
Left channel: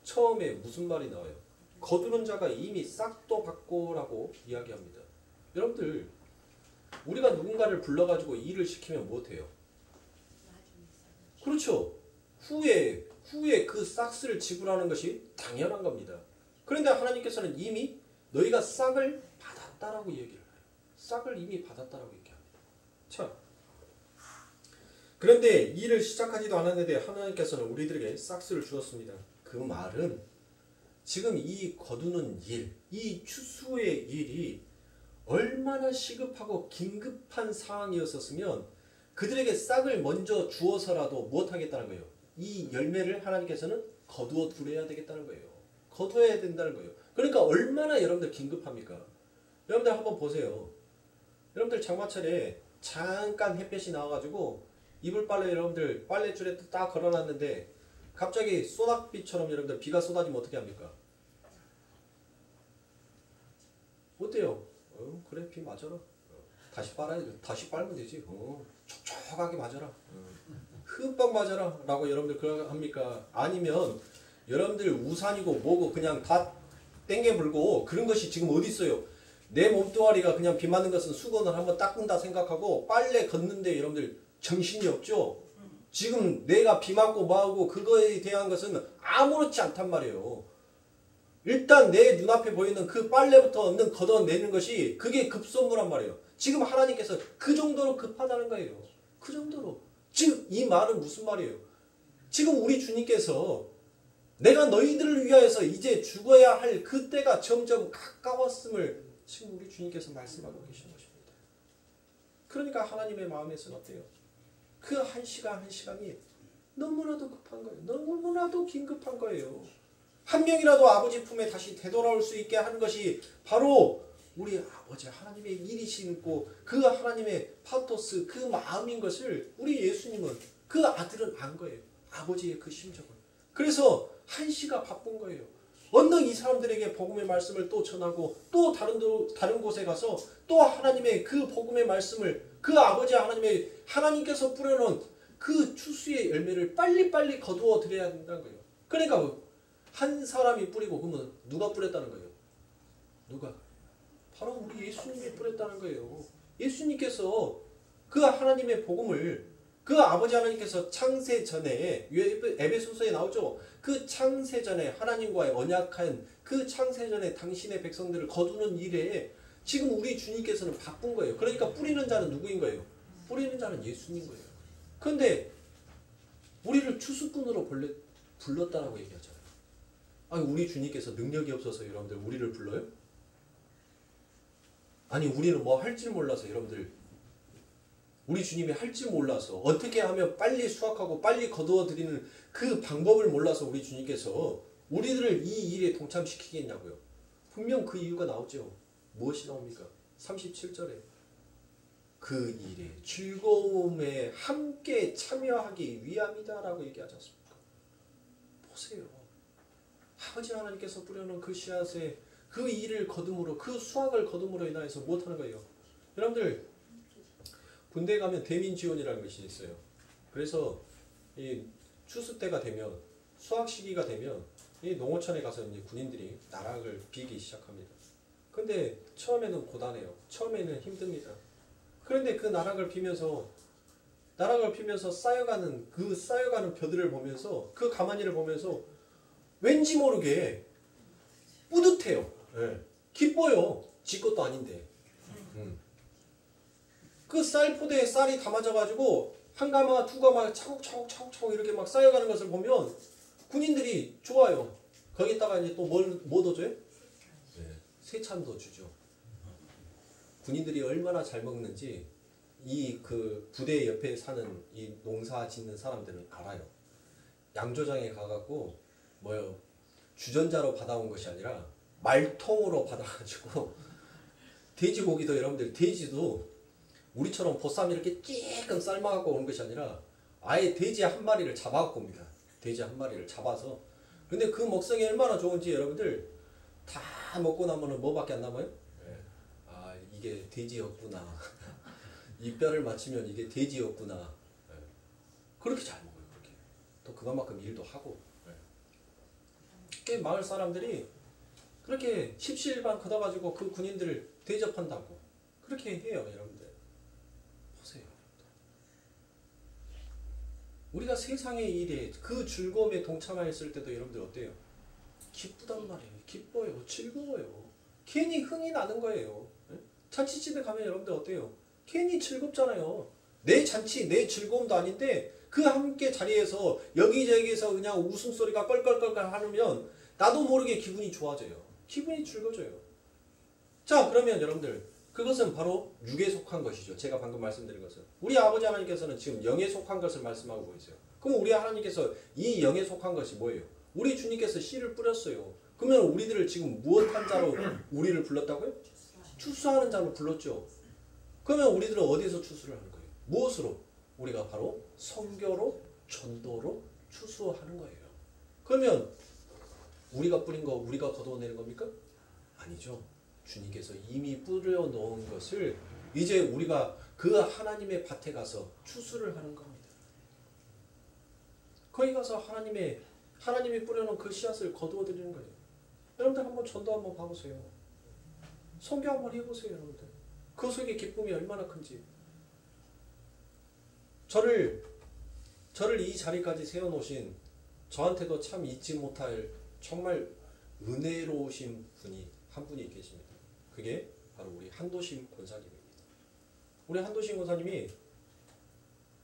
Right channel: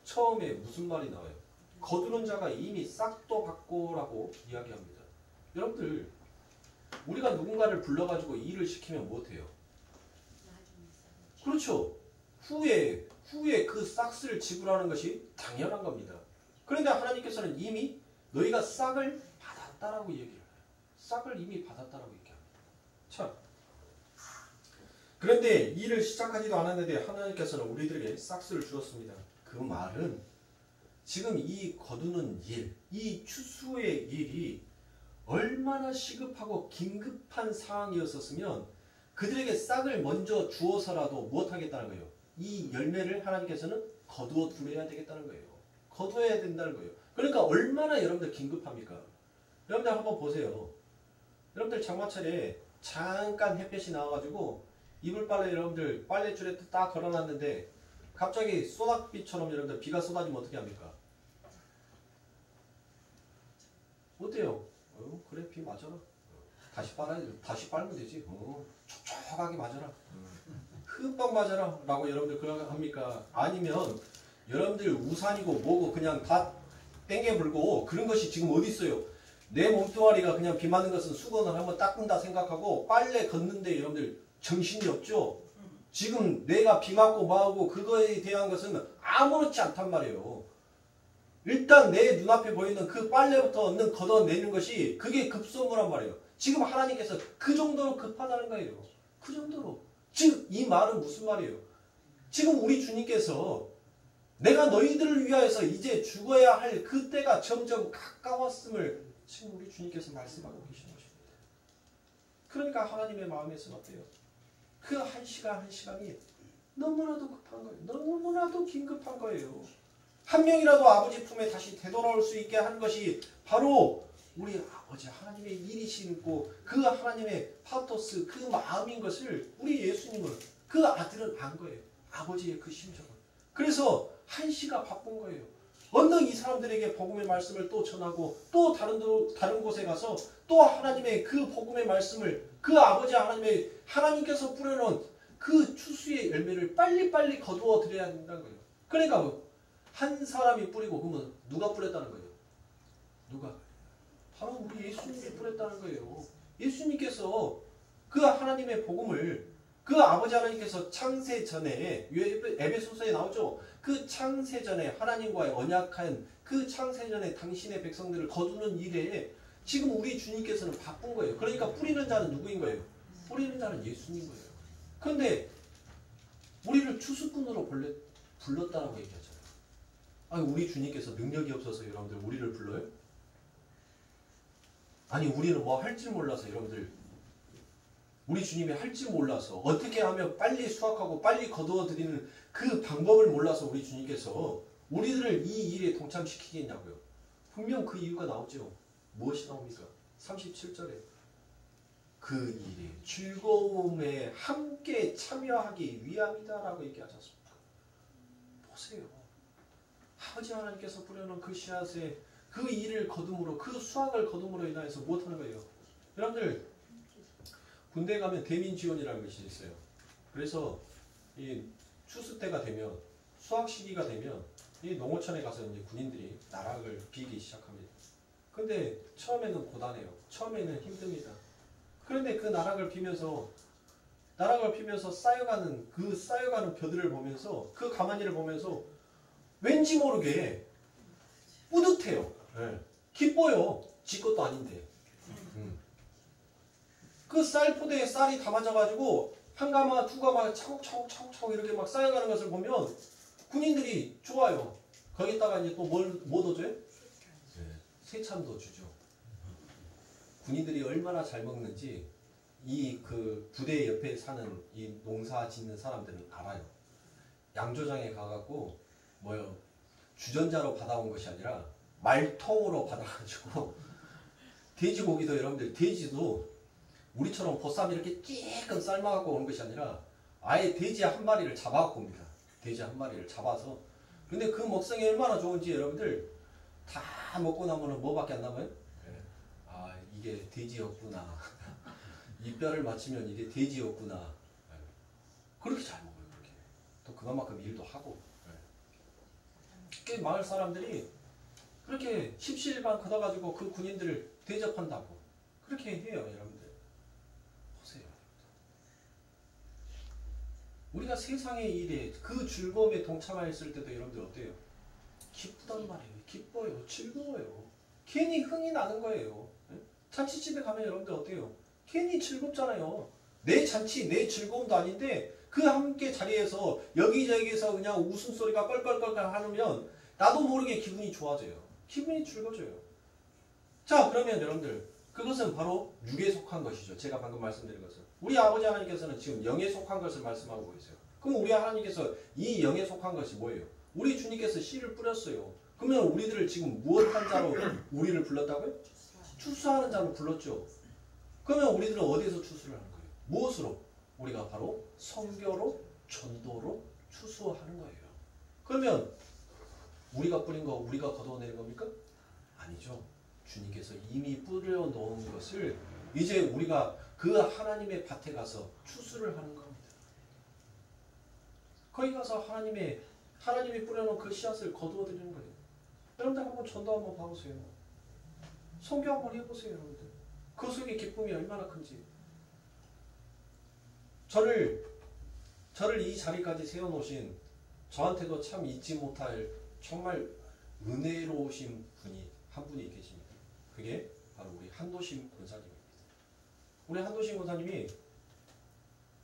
처음에 무슨 말이 나와요? 거두는 자가 이미 싹도 받고라고 이야기합니다. 여러분들, 우리가 누군가를 불러가지고 일을 시키면 못해요. 그렇죠. 후에 그 싹스를 지불하는 것이 당연한 겁니다. 그런데 하나님께서는 이미 너희가 싹을 받았다라고 얘기를 해요. 싹을 이미 받았다라고 얘기합니다. 자, 그런데 일을 시작하지도 않았는데 하나님께서는 우리들에게 싹스를 주었습니다. 그 말은 지금 이 거두는 일, 이 추수의 일이 얼마나 시급하고 긴급한 상황이었었으면 그들에게 싹을 먼저 주어서라도 못하겠다는 거예요. 이 열매를 하나님께서는 거두어 두려야 되겠다는 거예요. 거두어야 된다는 거예요. 그러니까 얼마나 여러분들 긴급합니까? 여러분들 한번 보세요. 여러분들 장마철에 잠깐 햇볕이 나와가지고 이불 빨래 여러분들 빨래줄에 딱 걸어놨는데 갑자기 소낙비처럼 여러분들 비가 쏟아지면 어떻게 합니까? 어때요? 그래, 비 맞아라. 다시 빨아야죠. 다시 빨면 되지. 촉촉하게 맞아라. 흠뻑 맞아라. 라고 여러분들 그렇게 합니까? 아니면 여러분들 우산이고 뭐고 그냥 다 땡겨 불고 그런 것이 지금 어디 있어요? 내 몸뚱아리가 그냥 비 맞는 것은 수건을 한번 닦는다 생각하고 빨래 걷는데 여러분들 정신이 없죠? 지금 내가 비 맞고 뭐하고 그거에 대한 것은 아무렇지 않단 말이에요. 일단 내 눈앞에 보이는 그 빨래부터 얼른 걷어내는 것이 그게 급선무란 말이에요. 지금 하나님께서 그 정도로 급하다는 거예요. 그 정도로. 즉 이 말은 무슨 말이에요? 지금 우리 주님께서 내가 너희들을 위하여서 이제 죽어야 할 그때가 점점 가까웠음을 지금 우리 주님께서 말씀하고 계시는 것입니다. 그러니까 하나님의 마음에서는 어때요? 그 한 시간 한 시간이 너무나도 급한 거예요. 너무나도 긴급한 거예요. 한 명이라도 아버지 품에 다시 되돌아올 수 있게 하는 것이 바로 우리 아버지 하나님의 일이시고 그 하나님의 파토스 그 마음인 것을 우리 예수님은 그 아들은 안 거예요. 아버지의 그 심정을. 그래서 한 시가 바쁜 거예요. 언능 이 사람들에게 복음의 말씀을 또 전하고 또 다른 곳에 가서 또 하나님의 그 복음의 말씀을 그 아버지 하나님께서 뿌려놓은 그 추수의 열매를 빨리빨리 거두어 드려야 된다는 거예요. 그러니까 한 사람이 뿌리고 그러면 누가 뿌렸다는 거예요? 누가? 바로 우리 예수님이 뿌렸다는 거예요. 예수님께서 그 하나님의 복음을 그 아버지 하나님께서 창세 전에 에베소서에 나오죠. 그 창세 전에 하나님과의 언약한 그 창세 전에 당신의 백성들을 거두는 일에 지금 우리 주님께서는 바쁜 거예요. 그러니까 뿌리는 자는 누구인 거예요? 뿌리는 자는 예수님 거예요. 그런데 우리를 추수꾼으로 불렀다라고 얘기하잖아요. 아니, 우리 주님께서 능력이 없어서 여러분들 우리를 불러요? 아니 우리는 뭐 할 줄 몰라서 여러분들 우리 주님이 할 줄 몰라서 어떻게 하면 빨리 수확하고 빨리 거두어들이는 그 방법을 몰라서 우리 주님께서 우리들을 이 일에 동참시키겠냐고요. 분명 그 이유가 나오죠. 무엇이 나옵니까? 37절에 그 일에 즐거움에 함께 참여하기 위함이다라고 얘기하지 않습니까? 보세요. 아버지 하나님께서 뿌려놓은 그 씨앗에 그 일을 거둠으로 그 수확을 거둠으로 인하여서 무엇하는 거예요? 여러분들 군대에 가면 대민지원이라는 것이 있어요. 그래서 이 추수 때가 되면 수확 시기가 되면 이 농어촌에 가서 이제 군인들이 나락을 비기 시작합니다. 근데 처음에는 고단해요. 처음에는 힘듭니다. 그런데 그 나락을 피면서 쌓여가는 벼들을 보면서 그 가마니를 보면서 왠지 모르게 뿌듯해요. 네. 기뻐요. 지 것도 아닌데. 그 쌀포대에 쌀이 담아져가지고 한 가마, 두 가마 차곡차곡 이렇게 막 쌓여가는 것을 보면 군인들이 좋아요. 거기다가 이제 또 뭐 더 줘요? 네. 세찬도 주죠. 군인들이 얼마나 잘 먹는지 이 그 부대 옆에 사는 이 농사 짓는 사람들은 알아요. 양조장에 가갖고 뭐요? 주전자로 받아온 것이 아니라 말통으로 받아가지고 돼지고기도 여러분들 돼지도 우리처럼 보쌈 이렇게 찔끔 삶아갖고 오는 것이 아니라 아예 돼지 한 마리를 잡아갖고 옵니다. 돼지 한 마리를 잡아서. 근데 그 먹성이 얼마나 좋은지 여러분들 다 먹고 나면은 뭐밖에 안 남아요? 네. 아 이게 돼지였구나. 이 뼈를 맞추면 이게 돼지였구나. 네. 그렇게 잘 먹어요. 그렇게. 또 그것만큼 일도 하고. 네. 마을 사람들이 그렇게 십시일반 걷어가지고 그 군인들을 대접한다고 그렇게 해요. 여러분들 보세요. 우리가 세상의 일에 그 즐거움에 동참하였을 때도 여러분들 어때요? 기쁘단 말이에요. 기뻐요. 즐거워요. 괜히 흥이 나는 거예요. 잔치집에 가면 여러분들 어때요? 괜히 즐겁잖아요. 내 잔치, 내 즐거움도 아닌데 그 함께 자리에서 여기저기서 그냥 웃음소리가 껄껄껄껄 하면 나도 모르게 기분이 좋아져요. 기분이 즐거워져요. 자 그러면 여러분들 그것은 바로 육에 속한 것이죠. 제가 방금 말씀드린 것은. 우리 아버지 하나님께서는 지금 영에 속한 것을 말씀하고 계세요. 그럼 우리 하나님께서 이 영에 속한 것이 뭐예요? 우리 주님께서 씨를 뿌렸어요. 그러면 우리들을 지금 무엇한 자로 우리를 불렀다고요? 추수하는 자로 불렀죠. 그러면 우리들은 어디서 추수를 하는 거예요? 무엇으로? 우리가 바로 선교로 전도로 추수하는 거예요. 그러면 우리가 뿌린 거 우리가 걷어내는 겁니까? 아니죠. 주님께서 이미 뿌려 놓은 것을 이제 우리가 그 하나님의 밭에 가서 추수를 하는 겁니다. 거기 가서 하나님이 뿌려놓은 그 씨앗을 거두어 드리는 거예요. 여러분들 한번 전도 한번 봐보세요. 선교 한번 해보세요. 여러분들 그 속에 기쁨이 얼마나 큰지. 저를 이 자리까지 세워놓으신 저한테도 참 잊지 못할 정말 은혜로우신 분이 한 분이 계십니다. 그게 바로 우리 한도심 권사님입니다. 우리 한도심 권사님이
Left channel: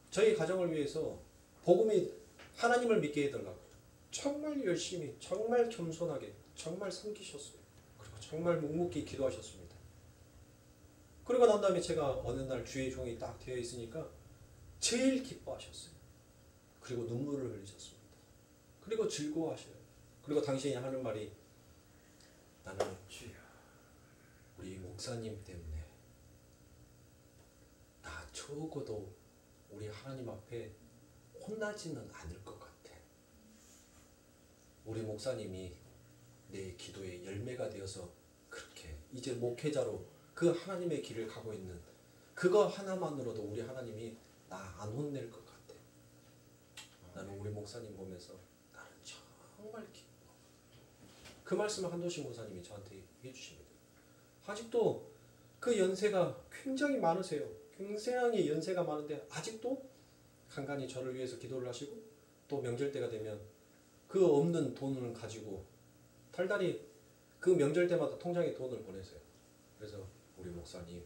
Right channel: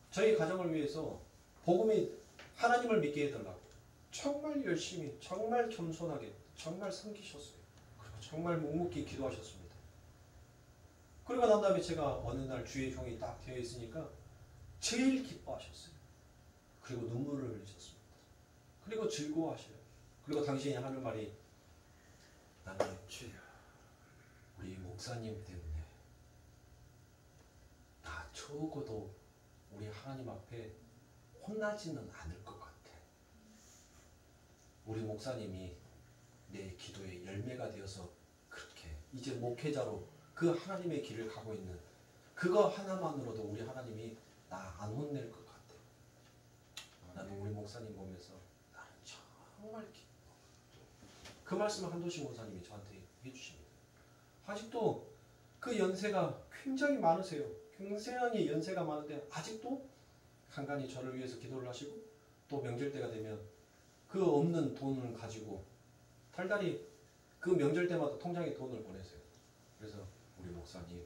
저희 가정을 위해서 복음이 하나님을 믿게 해달라고 정말 열심히 정말 겸손하게 정말 섬기셨어요. 그리고 정말 묵묵히 기도하셨습니다. 그리고 난 다음에 제가 어느 날 주의 종이 딱 되어 있으니까 제일 기뻐하셨어요. 그리고 눈물을 흘리셨습니다. 그리고 즐거워하셔요. 그리고 당신이 하는 말이 나는 주여 우리 목사님 때문에 나 적어도 우리 하나님 앞에 혼나지는 않을 것 같아. 우리 목사님이 내 기도의 열매가 되어서 그렇게 이제 목회자로 그 하나님의 길을 가고 있는 그거 하나만으로도 우리 하나님이 나 안 혼낼 것 같아. 나는 우리 목사님 보면서 나는 정말 기뻐. 그 말씀을 한도신 목사님이 저한테 해주십니다. 아직도 그 연세가 굉장히 많으세요. 굉장히 연세가 많은데 아직도 간간히 저를 위해서 기도를 하시고 또 명절 때가 되면 그 없는 돈을 가지고 달달이 그 명절 때마다 통장에 돈을 보내세요. 그래서 우리 목사님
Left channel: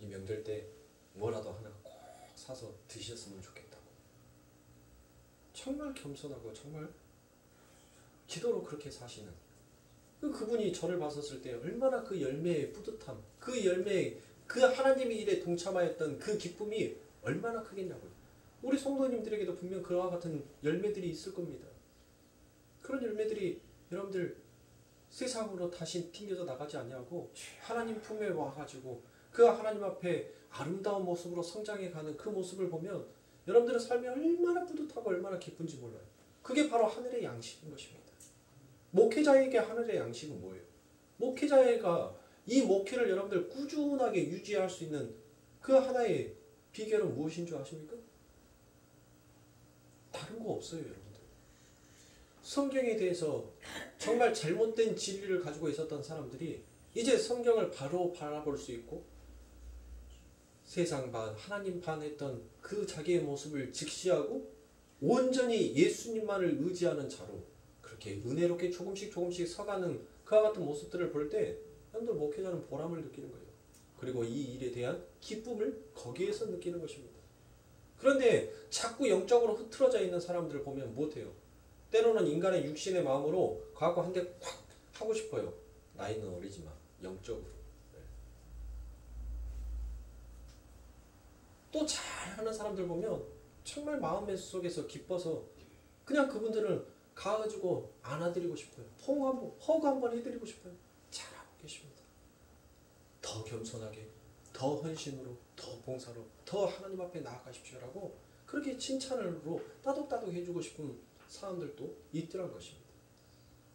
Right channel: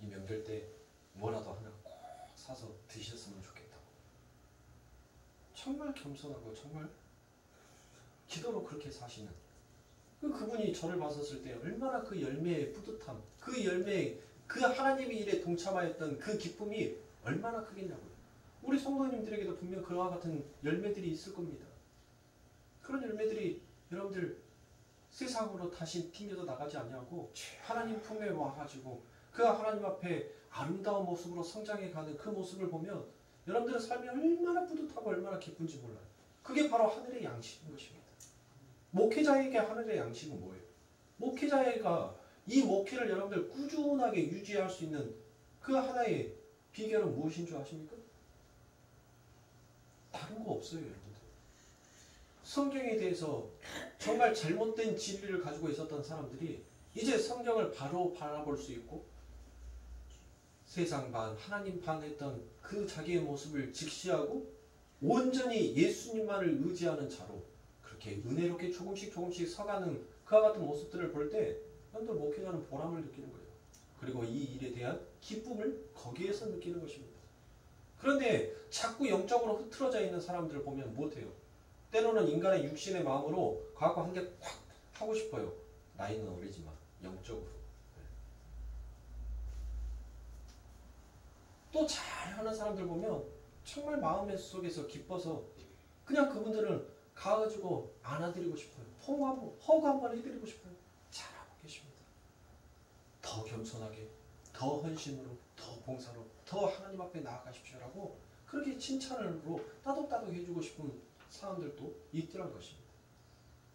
이 명절 때 뭐라도 하나 꼭 사서 드셨으면 좋겠다고. 정말 겸손하고 정말 기도로 그렇게 사시는 그분이 저를 봤었을 때 얼마나 그 열매의 뿌듯함, 그 열매, 그 하나님의 일에 동참하였던 그 기쁨이 얼마나 크겠냐고요. 우리 성도님들에게도 분명 그와 같은 열매들이 있을 겁니다. 그런 열매들이 여러분들 세상으로 다시 튕겨져 나가지 않냐고 하나님 품에 와가지고 그 하나님 앞에 아름다운 모습으로 성장해가는 그 모습을 보면 여러분들의 삶이 얼마나 뿌듯하고 얼마나 기쁜지 몰라요. 그게 바로 하늘의 양식인 것입니다. 목회자에게 하늘의 양식은 뭐예요? 목회자가 이 목회를 여러분들 꾸준하게 유지할 수 있는 그 하나의 비결은 무엇인 줄 아십니까? 다른 거 없어요, 여러분들. 성경에 대해서 정말 잘못된 진리를 가지고 있었던 사람들이 이제 성경을 바로 바라볼 수 있고 세상 반, 하나님 반 했던 그 자기의 모습을 직시하고 온전히 예수님만을 의지하는 자로 그렇게 은혜롭게 조금씩 서가는 그와 같은 모습들을 볼 때 여러분들 목회자는 보람을 느끼는 거예요. 그리고 이 일에 대한 기쁨을 거기에서 느끼는 것입니다. 그런데 자꾸 영적으로 흐트러져 있는 사람들을 보면 못해요. 때로는 인간의 육신의 마음으로 그하고 한 개 콱 하고 싶어요. 나이는 어리지만 영적으로. 또 잘하는 사람들 보면 정말 마음 속에서 기뻐서 그냥 그분들을 가가지고 안아드리고 싶어요. 허그 한번 해드리고 싶어요. 잘하고 계십니다. 더 겸손하게, 더 헌신으로, 더 봉사로, 더 하나님 앞에 나아가십시오라고 그렇게 칭찬으로 따독따독 해주고 싶은 사람들도 있더란 것입니다.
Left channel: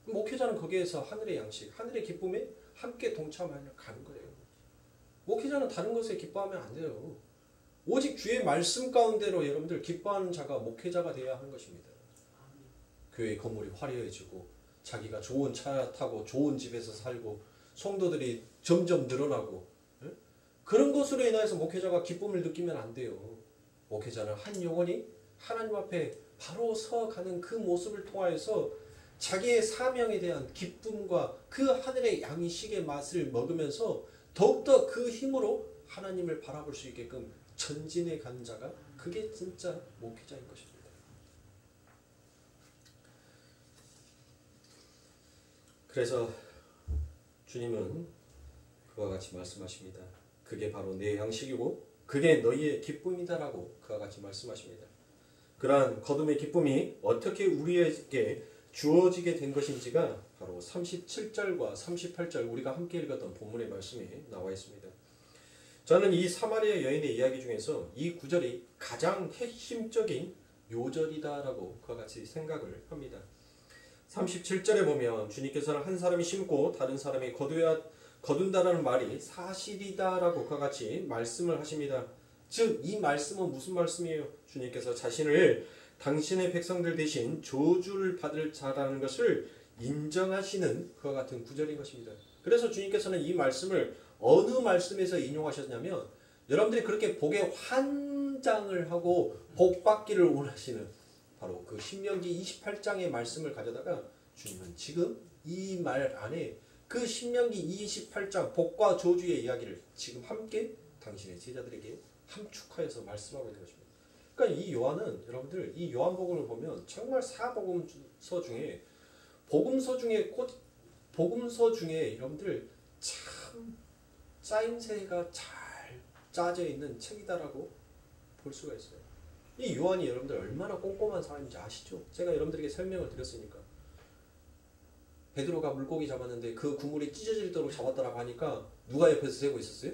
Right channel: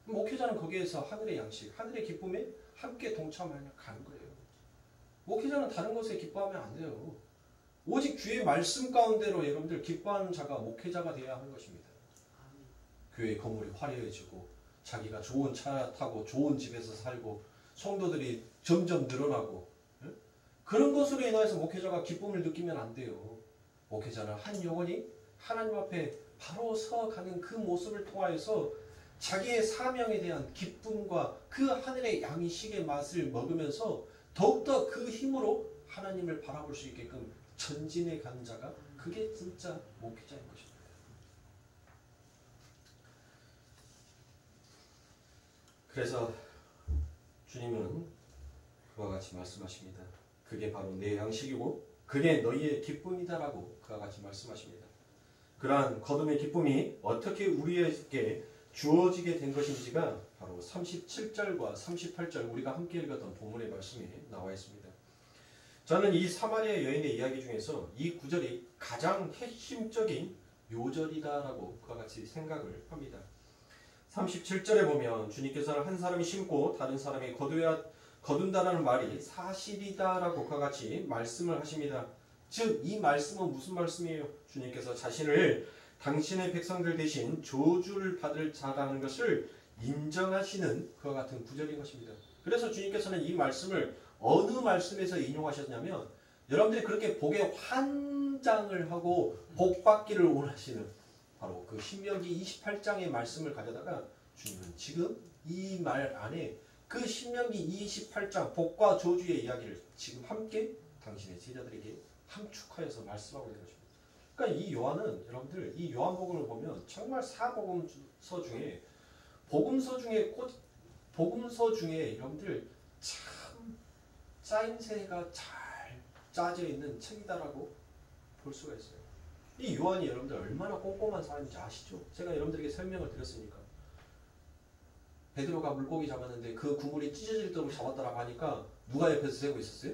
목회자는 거기에서 하늘의 양식, 하늘의 기쁨에 함께 동참하여 가는 거예요. 목회자는 다른 것에 기뻐하면 안 돼요. 오직 주의 말씀 가운데로 여러분들 기뻐하는 자가 목회자가 되어야 하는 것입니다. 교회 건물이 화려해지고 자기가 좋은 차 타고 좋은 집에서 살고 성도들이 점점 늘어나고 그런 것으로 인해서 목회자가 기쁨을 느끼면 안 돼요. 목회자는 한 영혼이 하나님 앞에 바로 서가는 그 모습을 통하여서 자기의 사명에 대한 기쁨과 그 하늘의 양식의 맛을 먹으면서 더욱더 그 힘으로 하나님을 바라볼 수 있게끔 전진해 가는 자가 그게 진짜 목회자인 것입니다. 그래서 주님은 그와 같이 말씀하십니다. 그게 바로 내 양식이고 그게 너희의 기쁨이다라고 그와 같이 말씀하십니다. 그러한 거듭의 기쁨이 어떻게 우리에게 주어지게 된 것인지가 바로 37절과 38절 우리가 함께 읽었던 본문의 말씀에 나와 있습니다. 저는 이 사마리아 여인의 이야기 중에서 이 구절이 가장 핵심적인 요절이다라고 그와 같이 생각을 합니다. 37절에 보면 주님께서는 한 사람이 심고 다른 사람이 거둔다라는 말이 사실이다라고 그와 같이 말씀을 하십니다. 즉 이 말씀은 무슨 말씀이에요? 주님께서 자신을 당신의 백성들 대신 저주를 받을 자라는 것을 인정하시는 그와 같은 구절인 것입니다. 그래서 주님께서는 이 말씀을 어느 말씀에서 인용하셨냐면 여러분들이 그렇게 복에 환장을 하고 복 받기를 원하시는 바로 그 신명기 28장의 말씀을 가져다가 주님은 지금 이 말 안에 그 신명기 28장 복과 저주의 이야기를 지금 함께 당신의 제자들에게 함축하여서 말씀하고 있는 것입니다. 그러니까 이 요한은 여러분들 이 요한복음을 보면 정말 사복음서 중에 복음서 중에 여러분들 참 짜임새가 잘 짜져 있는 책이다라고 볼 수가 있어요. 이 요한이 여러분들 얼마나 꼼꼼한 사람인지 아시죠? 제가 여러분들에게 설명을 드렸으니까. 베드로가 물고기 잡았는데 그 그물이 찢어질 정도로 잡았다라고 하니까 누가 옆에서 세고 있었어요?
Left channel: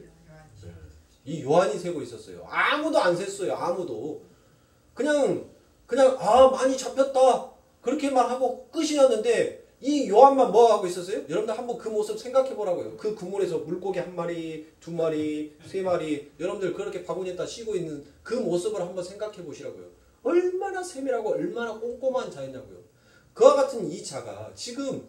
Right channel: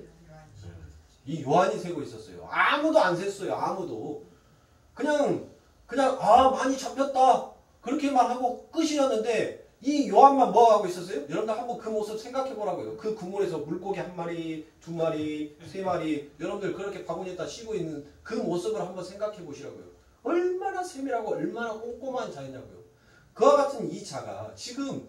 이 요한이 세고 있었어요. 아무도 안 셌어요. 아무도. 그냥 많이 잡혔다. 그렇게만 하고 끝이었는데 이 요한만 뭐 하고 있었어요? 여러분들 한번 그 모습 생각해 보라고요. 그 그물에서 물고기 한 마리, 두 마리, 세 마리 여러분들 그렇게 바구니에다 씌고 있는 그 모습을 한번 생각해 보시라고요. 얼마나 세밀하고 얼마나 꼼꼼한 자였냐고요. 그와 같은 이 자가 지금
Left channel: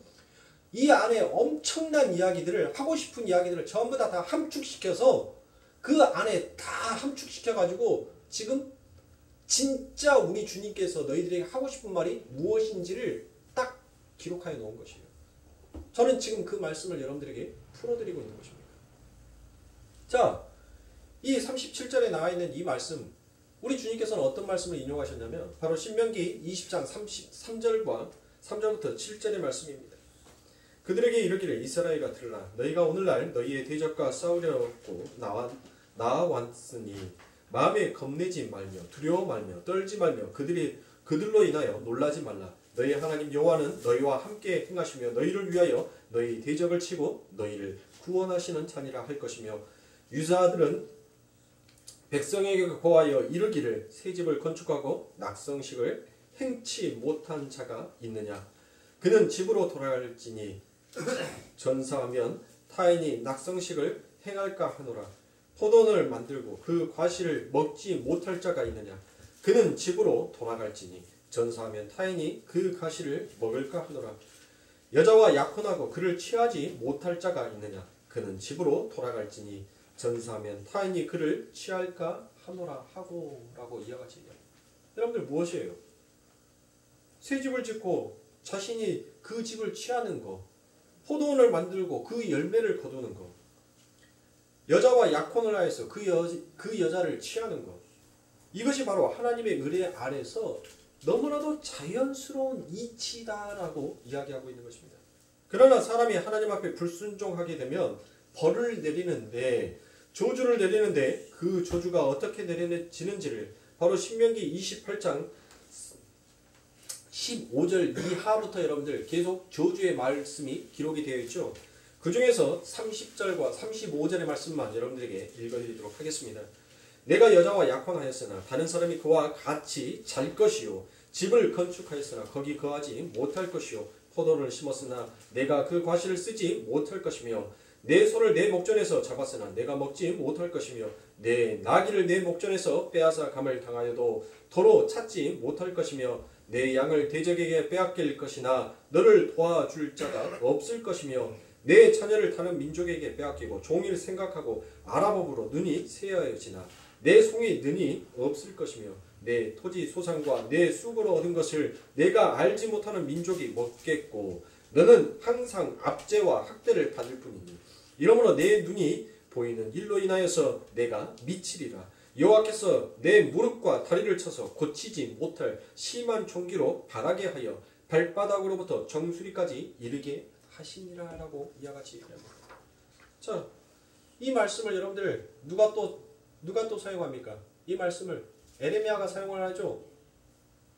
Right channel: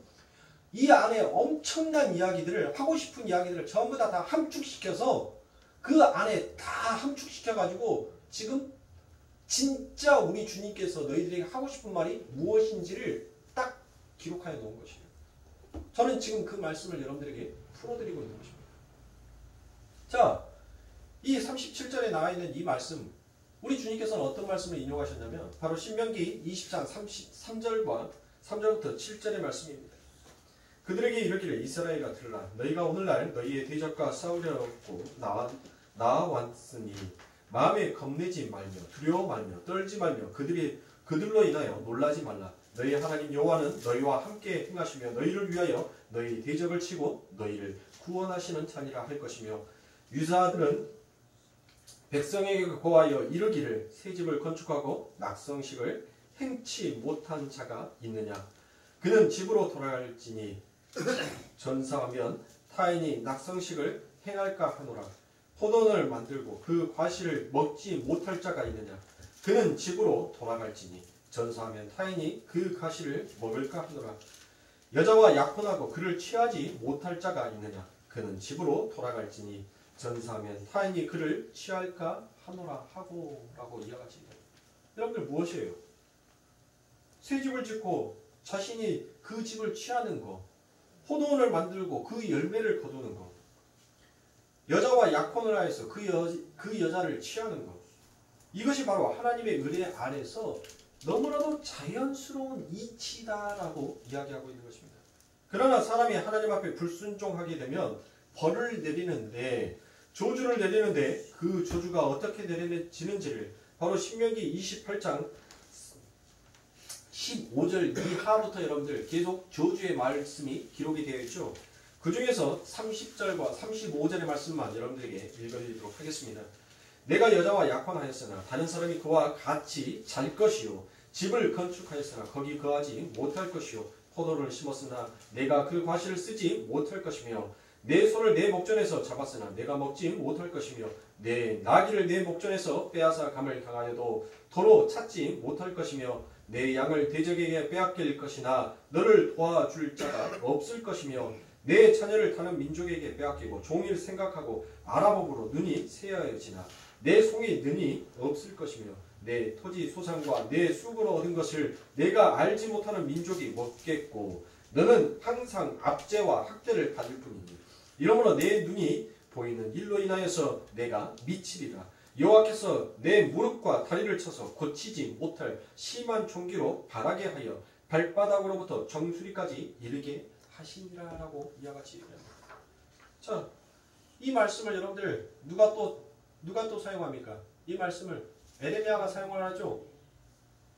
이 안에 엄청난 이야기들을 하고 싶은 이야기들을 전부 다 함축시켜서 그 안에 다 함축시켜가지고 지금 진짜 우리 주님께서 너희들에게 하고 싶은 말이 무엇인지를 딱 기록하여 놓은 것이에요. 저는 지금 그 말씀을 여러분들에게 풀어드리고 있는 것입니다. 자, 이 37절에 나와 있는 이 말씀 우리 주님께서는 어떤 말씀을 인용하셨냐면 바로 신명기 20장 3절부터 7절의 말씀입니다. 그들에게 이르기를 이스라엘아 들으라 너희가 오늘날 너희의 대적과 싸우려고 나와왔으니 마음에 겁내지 말며 두려워 말며 떨지 말며 그들로 인하여 놀라지 말라. 너희 하나님 여호와는 너희와 함께 행하시며 너희를 위하여 너희 대적을 치고 너희를 구원하시는 자니라 할 것이며 유사들은 백성에게 고하여 이르기를 새 집을 건축하고 낙성식을 행치 못한 자가 있느냐. 그는 집으로 돌아갈지니 전사하면 타인이 낙성식을 행할까 하노라. 포도원을 만들고 그 과실을 먹지 못할 자가 있느냐. 그는 집으로 돌아갈지니 전사하면 타인이 그 과실을 먹을까 하노라. 여자와 약혼하고 그를 취하지 못할 자가 있느냐. 그는 집으로 돌아갈지니 전사하면 타인이 그를 취할까 하노라 하고 라고 이야기하시네요. 여러분들 무엇이에요? 새 집을 짓고 자신이 그 집을 취하는 거, 포도원을 만들고 그 열매를 거두는 거, 여자와 약혼을 하여서 그 여자를 취하는 것, 이것이 바로 하나님의 의뢰 아래서 너무나도 자연스러운 이치다라고 이야기하고 있는 것입니다. 그러나 사람이 하나님 앞에 불순종하게 되면 벌을 내리는데, 조주를 내리는데 그 조주가 어떻게 내려지는지를 바로 신명기 28장 15절 이하부터 여러분들 계속 저주의 말씀이 기록이 되어 있죠. 그 중에서 30절과 35절의 말씀만 여러분들에게 읽어드리도록 하겠습니다. 내가 여자와 약혼하였으나 다른 사람이 그와 같이 잘 것이요 집을 건축하였으나 거기 거하지 못할 것이요 포도를 심었으나 내가 그 과실을 쓰지 못할 것이며 내 소를 내 목전에서 잡았으나 내가 먹지 못할 것이며 내 나귀를 내 목전에서 빼앗아 감을 당하여도 도로 찾지 못할 것이며 내 양을 대적에게 빼앗길 것이나 너를 도와줄 자가 없을 것이며 내 자녀를 다른 민족에게 빼앗기고 종일 생각하고 아랍업으로 눈이 새하여지나 내 송이 눈이 없을 것이며 내 토지 소산과 내 쑥으로 얻은 것을 내가 알지 못하는 민족이 먹겠고 너는 항상 압제와 학대를 받을 뿐이니 이러므로 내 눈이 보이는 일로 인하여서 내가 미치리라. 여호와께서 내 무릎과 다리를 쳐서 고치지 못할 심한 종기로 바라게 하여 발바닥으로부터 정수리까지 이르게 하시니라라고 이야기합니다. 자, 이 말씀을 여러분들 누가 또 사용합니까? 이 말씀을 에레미야가 사용을 하죠.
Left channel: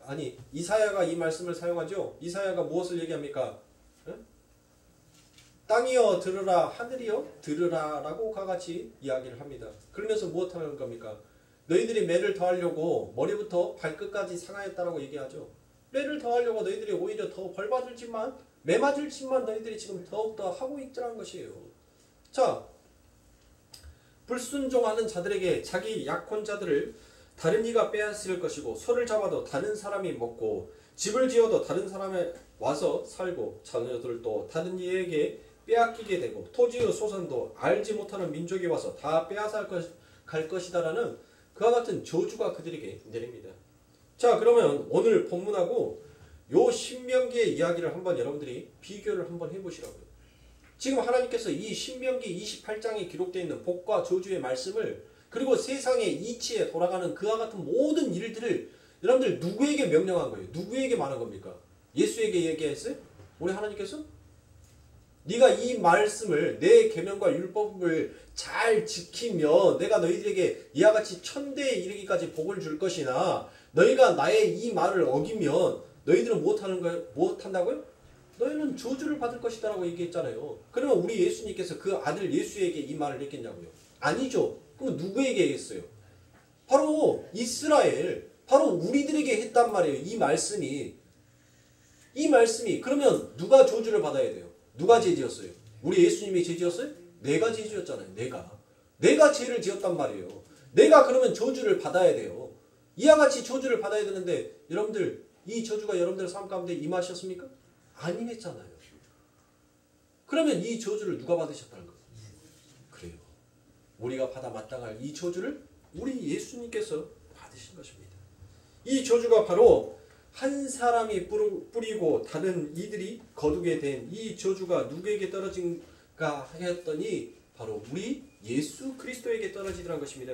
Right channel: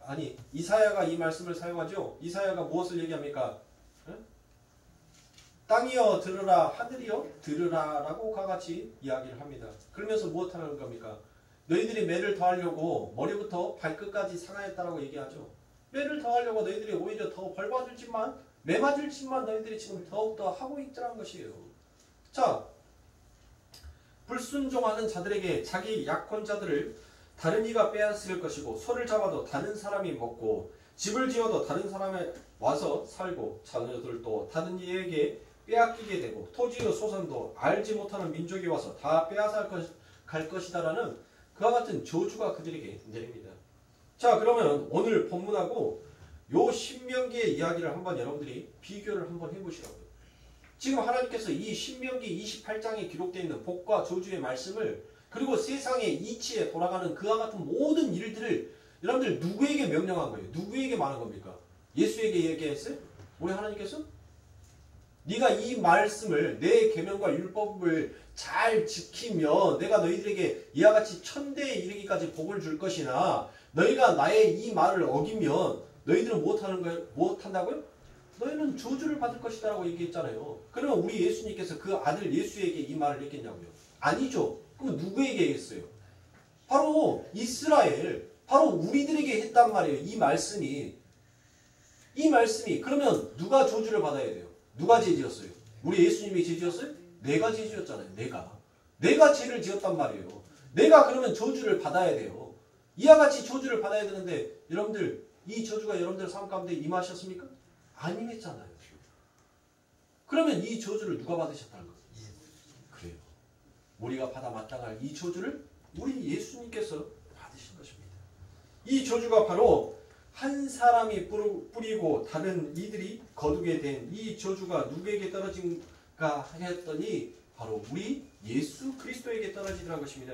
아니 이사야가 이 말씀을 사용하죠. 이사야가 무엇을 얘기합니까? 응? 땅이여 들으라 하늘이여 들으라라고 같이 이야기를 합니다. 그러면서 무엇하는 겁니까? 너희들이 매를 더하려고 머리부터 발끝까지 상하였다라고 얘기하죠. 매를 더하려고 너희들이 오히려 더 벌받을 짓만 매 맞을 짓만 너희들이 지금 더욱더 하고 있더란 것이에요. 자, 불순종하는 자들에게 자기 약혼자들을 다른 이가 빼앗을 것이고 소를 잡아도 다른 사람이 먹고 집을 지어도 다른 사람이 와서 살고 자녀들도 다른 이에게 빼앗기게 되고 토지의 소산도 알지 못하는 민족이 와서 다 빼앗아 갈 것이다라는 그와 같은 저주가 그들에게 내립니다. 자, 그러면 오늘 본문하고 요 신명기의 이야기를 한번 여러분들이 비교를 한번 해보시라고요. 지금 하나님께서 이 신명기 28장에 기록되어 있는 복과 저주의 말씀을 그리고 세상의 이치에 돌아가는 그와 같은 모든 일들을 여러분들 누구에게 명령한 거예요? 누구에게 말한 겁니까? 예수에게 얘기했어요? 우리 하나님께서? 네가 이 말씀을 내 계명과 율법을 잘 지키면 내가 너희들에게 이와 같이 천대에 이르기까지 복을 줄 것이나 너희가 나의 이 말을 어기면 너희들은 무엇한다고요? 너희는 저주를 받을 것이다 라고 얘기했잖아요. 그러면 우리 예수님께서 그 아들 예수에게 이 말을 했겠냐고요? 아니죠. 그럼 누구에게 했어요? 바로 이스라엘, 바로 우리들에게 했단 말이에요. 이 말씀이 그러면 누가 저주를 받아야 돼요? 누가 죄 지었어요? 우리 예수님이 죄 지었어요? 내가 죄 지었잖아요. 내가 죄를 지었단 말이에요. 내가 그러면 저주를 받아야 돼요. 이와 같이 저주를 받아야 되는데 여러분들 이 저주가 여러분들 삶 가운데 임하셨습니까? 안 임했잖아요. 그러면 이 저주를 누가 받으셨다는 거예요? 그래요. 우리가 받아 마땅할 이 저주를 우리 예수님께서 받으신 것입니다. 이 저주가 바로 한 사람이 뿌리고 다른 이들이 거두게 된 이 저주가 누구에게 떨어진가 했더니 바로 우리 예수 그리스도에게 떨어지더란 것입니다.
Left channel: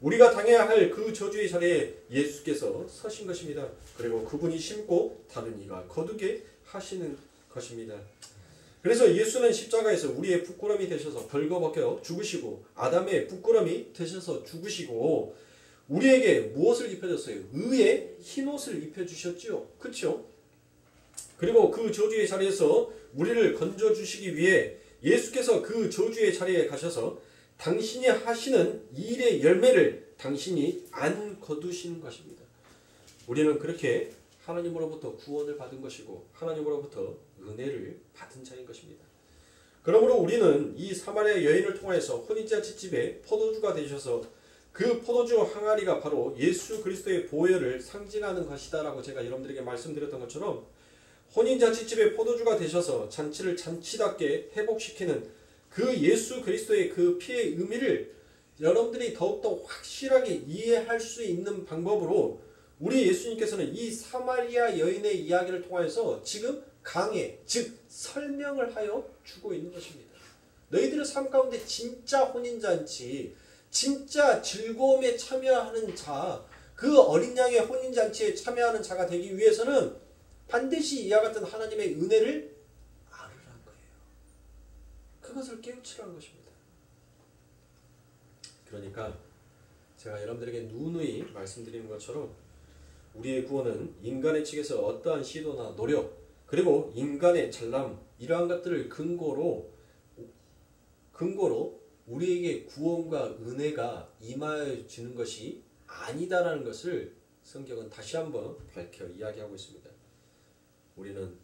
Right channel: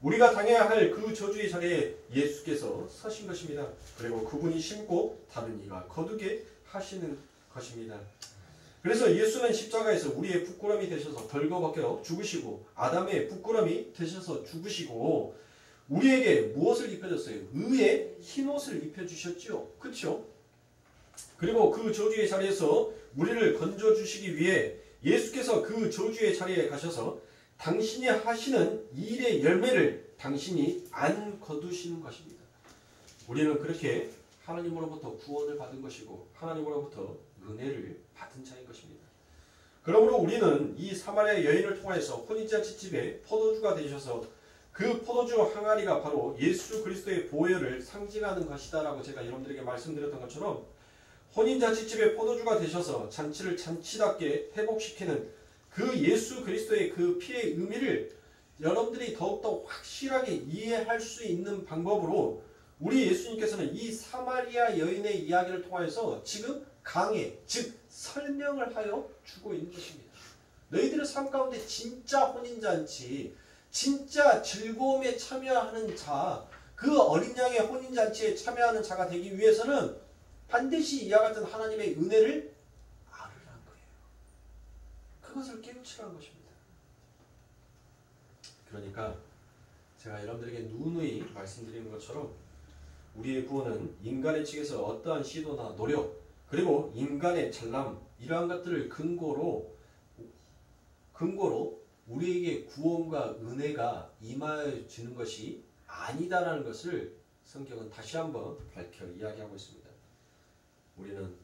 우리가 당해야 할 그 저주의 자리에 예수께서 서신 것입니다. 그리고 그분이 심고 다른 이가 거두게 하시는 것입니다. 그래서 예수는 십자가에서 우리의 부끄러움이 되셔서 벌거벗겨 죽으시고 아담의 부끄러움이 되셔서 죽으시고 우리에게 무엇을 입혀줬어요? 의의 흰옷을 입혀주셨지요. 그렇죠? 그리고 그 저주의 자리에서 우리를 건져주시기 위해 예수께서 그 저주의 자리에 가셔서 당신이 하시는 일의 열매를 당신이 안 거두시는 것입니다. 우리는 그렇게 하나님으로부터 구원을 받은 것이고 하나님으로부터 은혜를 받은 자인 것입니다. 그러므로 우리는 이 사마리아 여인을 통해서 혼인잔치집에 포도주가 되셔서 그 포도주 항아리가 바로 예수 그리스도의 보혈을 상징하는 것이다라고 제가 여러분들에게 말씀드렸던 것처럼 혼인잔치집에 포도주가 되셔서 잔치를 잔치답게 회복시키는 그 예수 그리스도의 그 피의 의미를 여러분들이 더욱더 확실하게 이해할 수 있는 방법으로 우리 예수님께서는 이 사마리아 여인의 이야기를 통해서 지금 강해, 즉 설명을 하여 주고 있는 것입니다. 너희들의 삶 가운데 진짜 혼인잔치, 진짜 즐거움에 참여하는 자, 그 어린 양의 혼인잔치에 참여하는 자가 되기 위해서는 반드시 이와 같은 하나님의 은혜를 알으라는 거예요. 그것을 깨우치라는 것입니다. 그러니까 제가 여러분들에게 누누이 말씀드리는 것처럼 우리의 구원은 인간의 측에서 어떠한 시도나 노력 그리고 인간의 잘남 이러한 것들을 근거로 우리에게 구원과 은혜가 임하여 주는 것이 아니다라는 것을 성경은 다시 한번 밝혀 이야기하고 있습니다. 우리는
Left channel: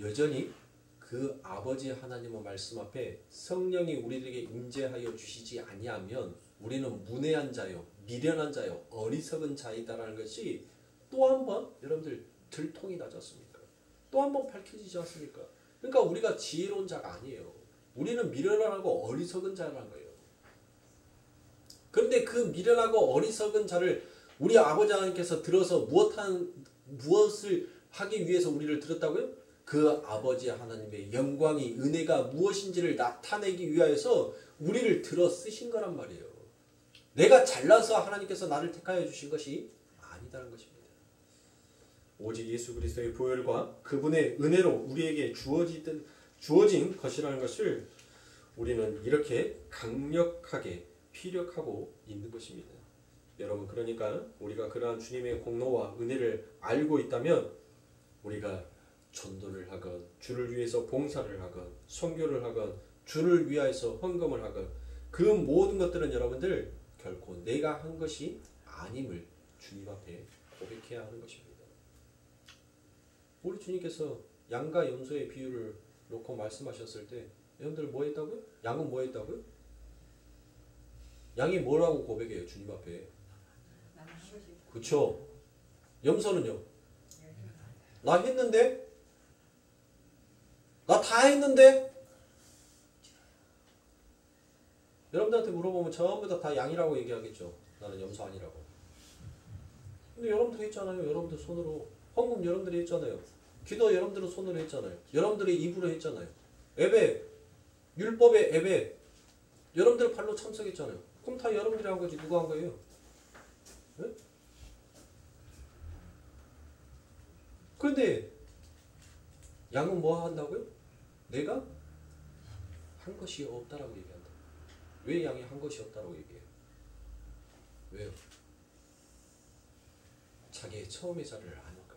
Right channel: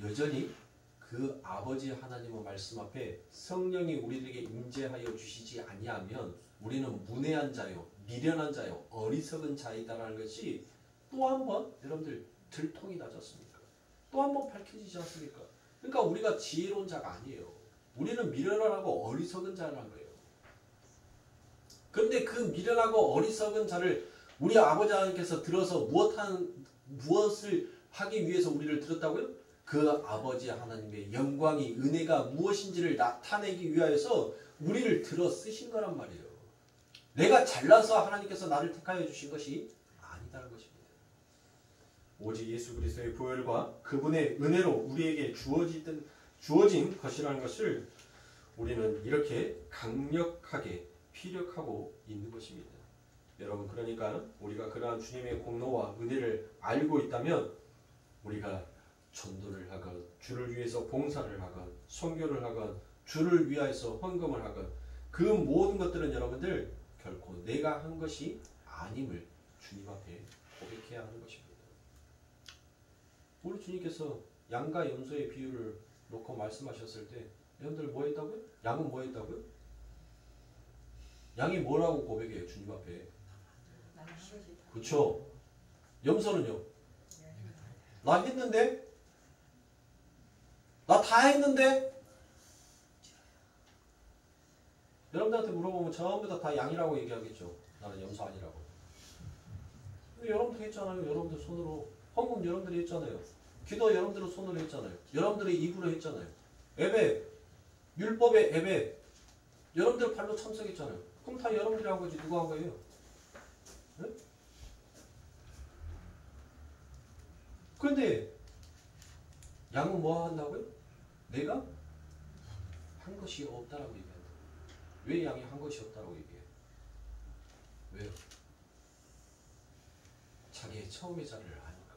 여전히 그 아버지 하나님의 말씀 앞에 성령이 우리들에게 임재하여 주시지 아니하면 우리는 문외한 자요, 미련한 자요, 어리석은 자이다라는 것이 또 한 번 여러분들 들통이 나지 않습니까? 또 한 번 밝혀지지 않습니까? 그러니까 우리가 지혜로운 자가 아니에요. 우리는 미련하고 어리석은 자라는 거예요. 그런데 그 미련하고 어리석은 자를 우리 아버지 하나님께서 들어서 무엇을 하기 위해서 우리를 들었다고요? 그 아버지 하나님의 영광이 은혜가 무엇인지를 나타내기 위하여서 우리를 들어 쓰신 거란 말이에요. 내가 잘나서 하나님께서 나를 택하여 주신 것이 아니다는 것입니다. 오직 예수 그리스도의 보혈과 그분의 은혜로 우리에게 주어진 것이라는 것을 우리는 이렇게 강력하게 피력하고 있는 것입니다. 여러분, 그러니까 우리가 그러한 주님의 공로와 은혜를 알고 있다면 우리가 전도를 하건 주를 위해서 봉사를 하건 선교를 하건 주를 위하여서 헌금을 하건 그 모든 것들은 여러분들 결코 내가 한 것이 아님을 주님 앞에 고백해야 하는 것입니다. 우리 주님께서 양과 염소의 비유를 놓고 말씀하셨을 때 여러분들 뭐 했다고요? 양은 뭐 했다고요? 양이 뭐라고 고백해요? 주님 앞에. 그쵸? 염소는요? 나 했는데? 나 다 했는데? 여러분들한테 물어보면 전부 다 양이라고 얘기하겠죠. 나는 염소 아니라고. 근데 여러분도 했잖아요. 여러분들 손으로. 헌금 여러분들이 했잖아요. 기도 여러분들은 손으로 했잖아요. 여러분들이 입으로 했잖아요. 예배, 율법의 예배 여러분들 발로 참석했잖아요. 그럼 다 여러분들이 한 거지 누가 한 거예요? 네? 그런데 양은 뭐 한다고요? 내가 한 것이 없다라고 얘기한다. 왜 양이 한 것이 없다라고 얘기해요? 왜요? 자기의 처음의 자리를 아니까.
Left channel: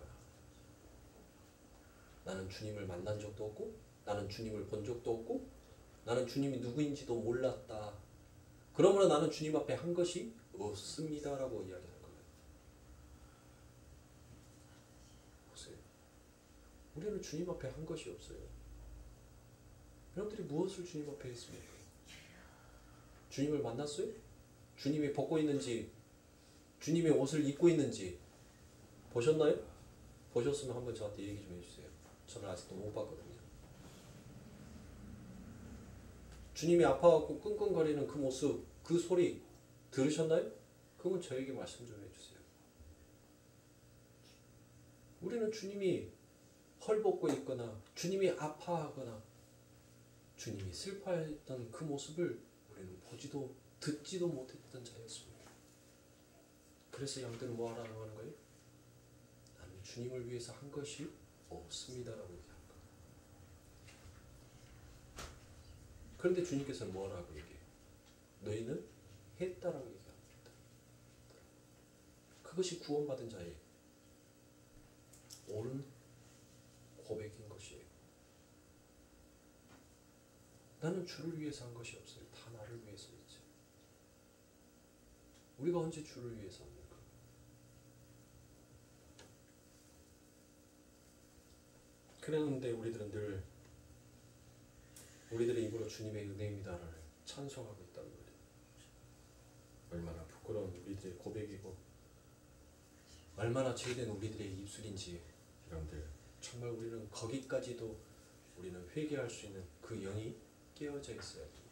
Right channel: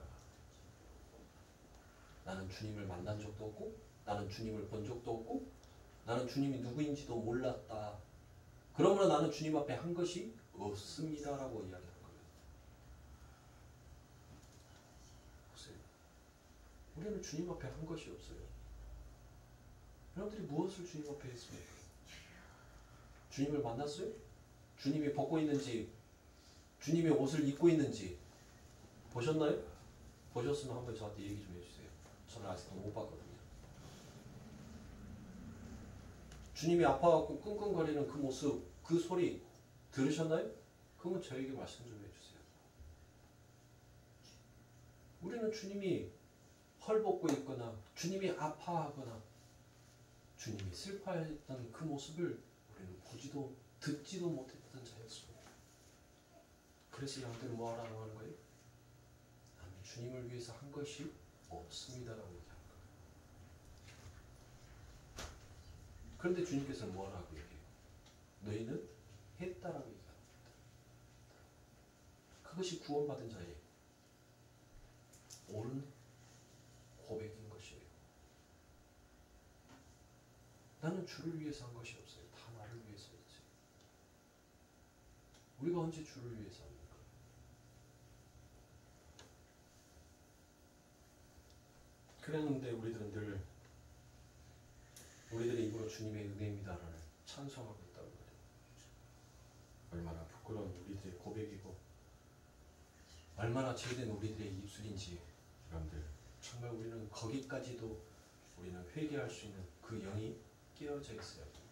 나는 주님을 만난 적도 없고 나는 주님을 본 적도 없고 나는 주님이 누구인지도 몰랐다. 그러므로 나는 주님 앞에 한 것이 없습니다라고 이야기하는 거예요. 보세요. 우리는 주님 앞에 한 것이 없어요. 여러분들이 무엇을 주님 앞에 했습니까? 주님을 만났어요? 주님이 벗고 있는지 주님의 옷을 입고 있는지 보셨나요? 보셨으면 한번 저한테 얘기 좀 해주세요. 저는 아직도 못 봤거든요. 주님이 아파갖고 끙끙거리는 그 모습, 그 소리 들으셨나요? 그러면 저에게 말씀 좀 해주세요. 우리는 주님이 헐벗고 있거나 주님이 아파하거나 주님이 슬퍼했던 그 모습을 우리는 보지도 듣지도 못했던 자였습니다. 그래서 양들은 뭐 하라고 하는 거예요? 나는 주님을 위해서 한 것이 없습니다라고 얘기하는 거예요. 그런데 주님께서는 뭐라고 얘기해요? 너희는 했다라고 얘기합니다. 그것이 구원받은 자의 옳은 고백인 것이에요. 나는 주를 위해서 한 것이 없어요. 다 나를 위해서 했지. 우리가 언제 주를 위해서 합니까? 그랬는데 우리들은 늘 우리들의 입으로 주님의 은혜입니다를 찬송하고 있단 말이에요. 얼마나 부끄러운 우리들의 고백이고 얼마나 죄된 우리들의 입술인지 여러분들 정말 우리는 거기까지도 우리는 회개할 수 있는 그 영이 깨어져 있어야 됩니다.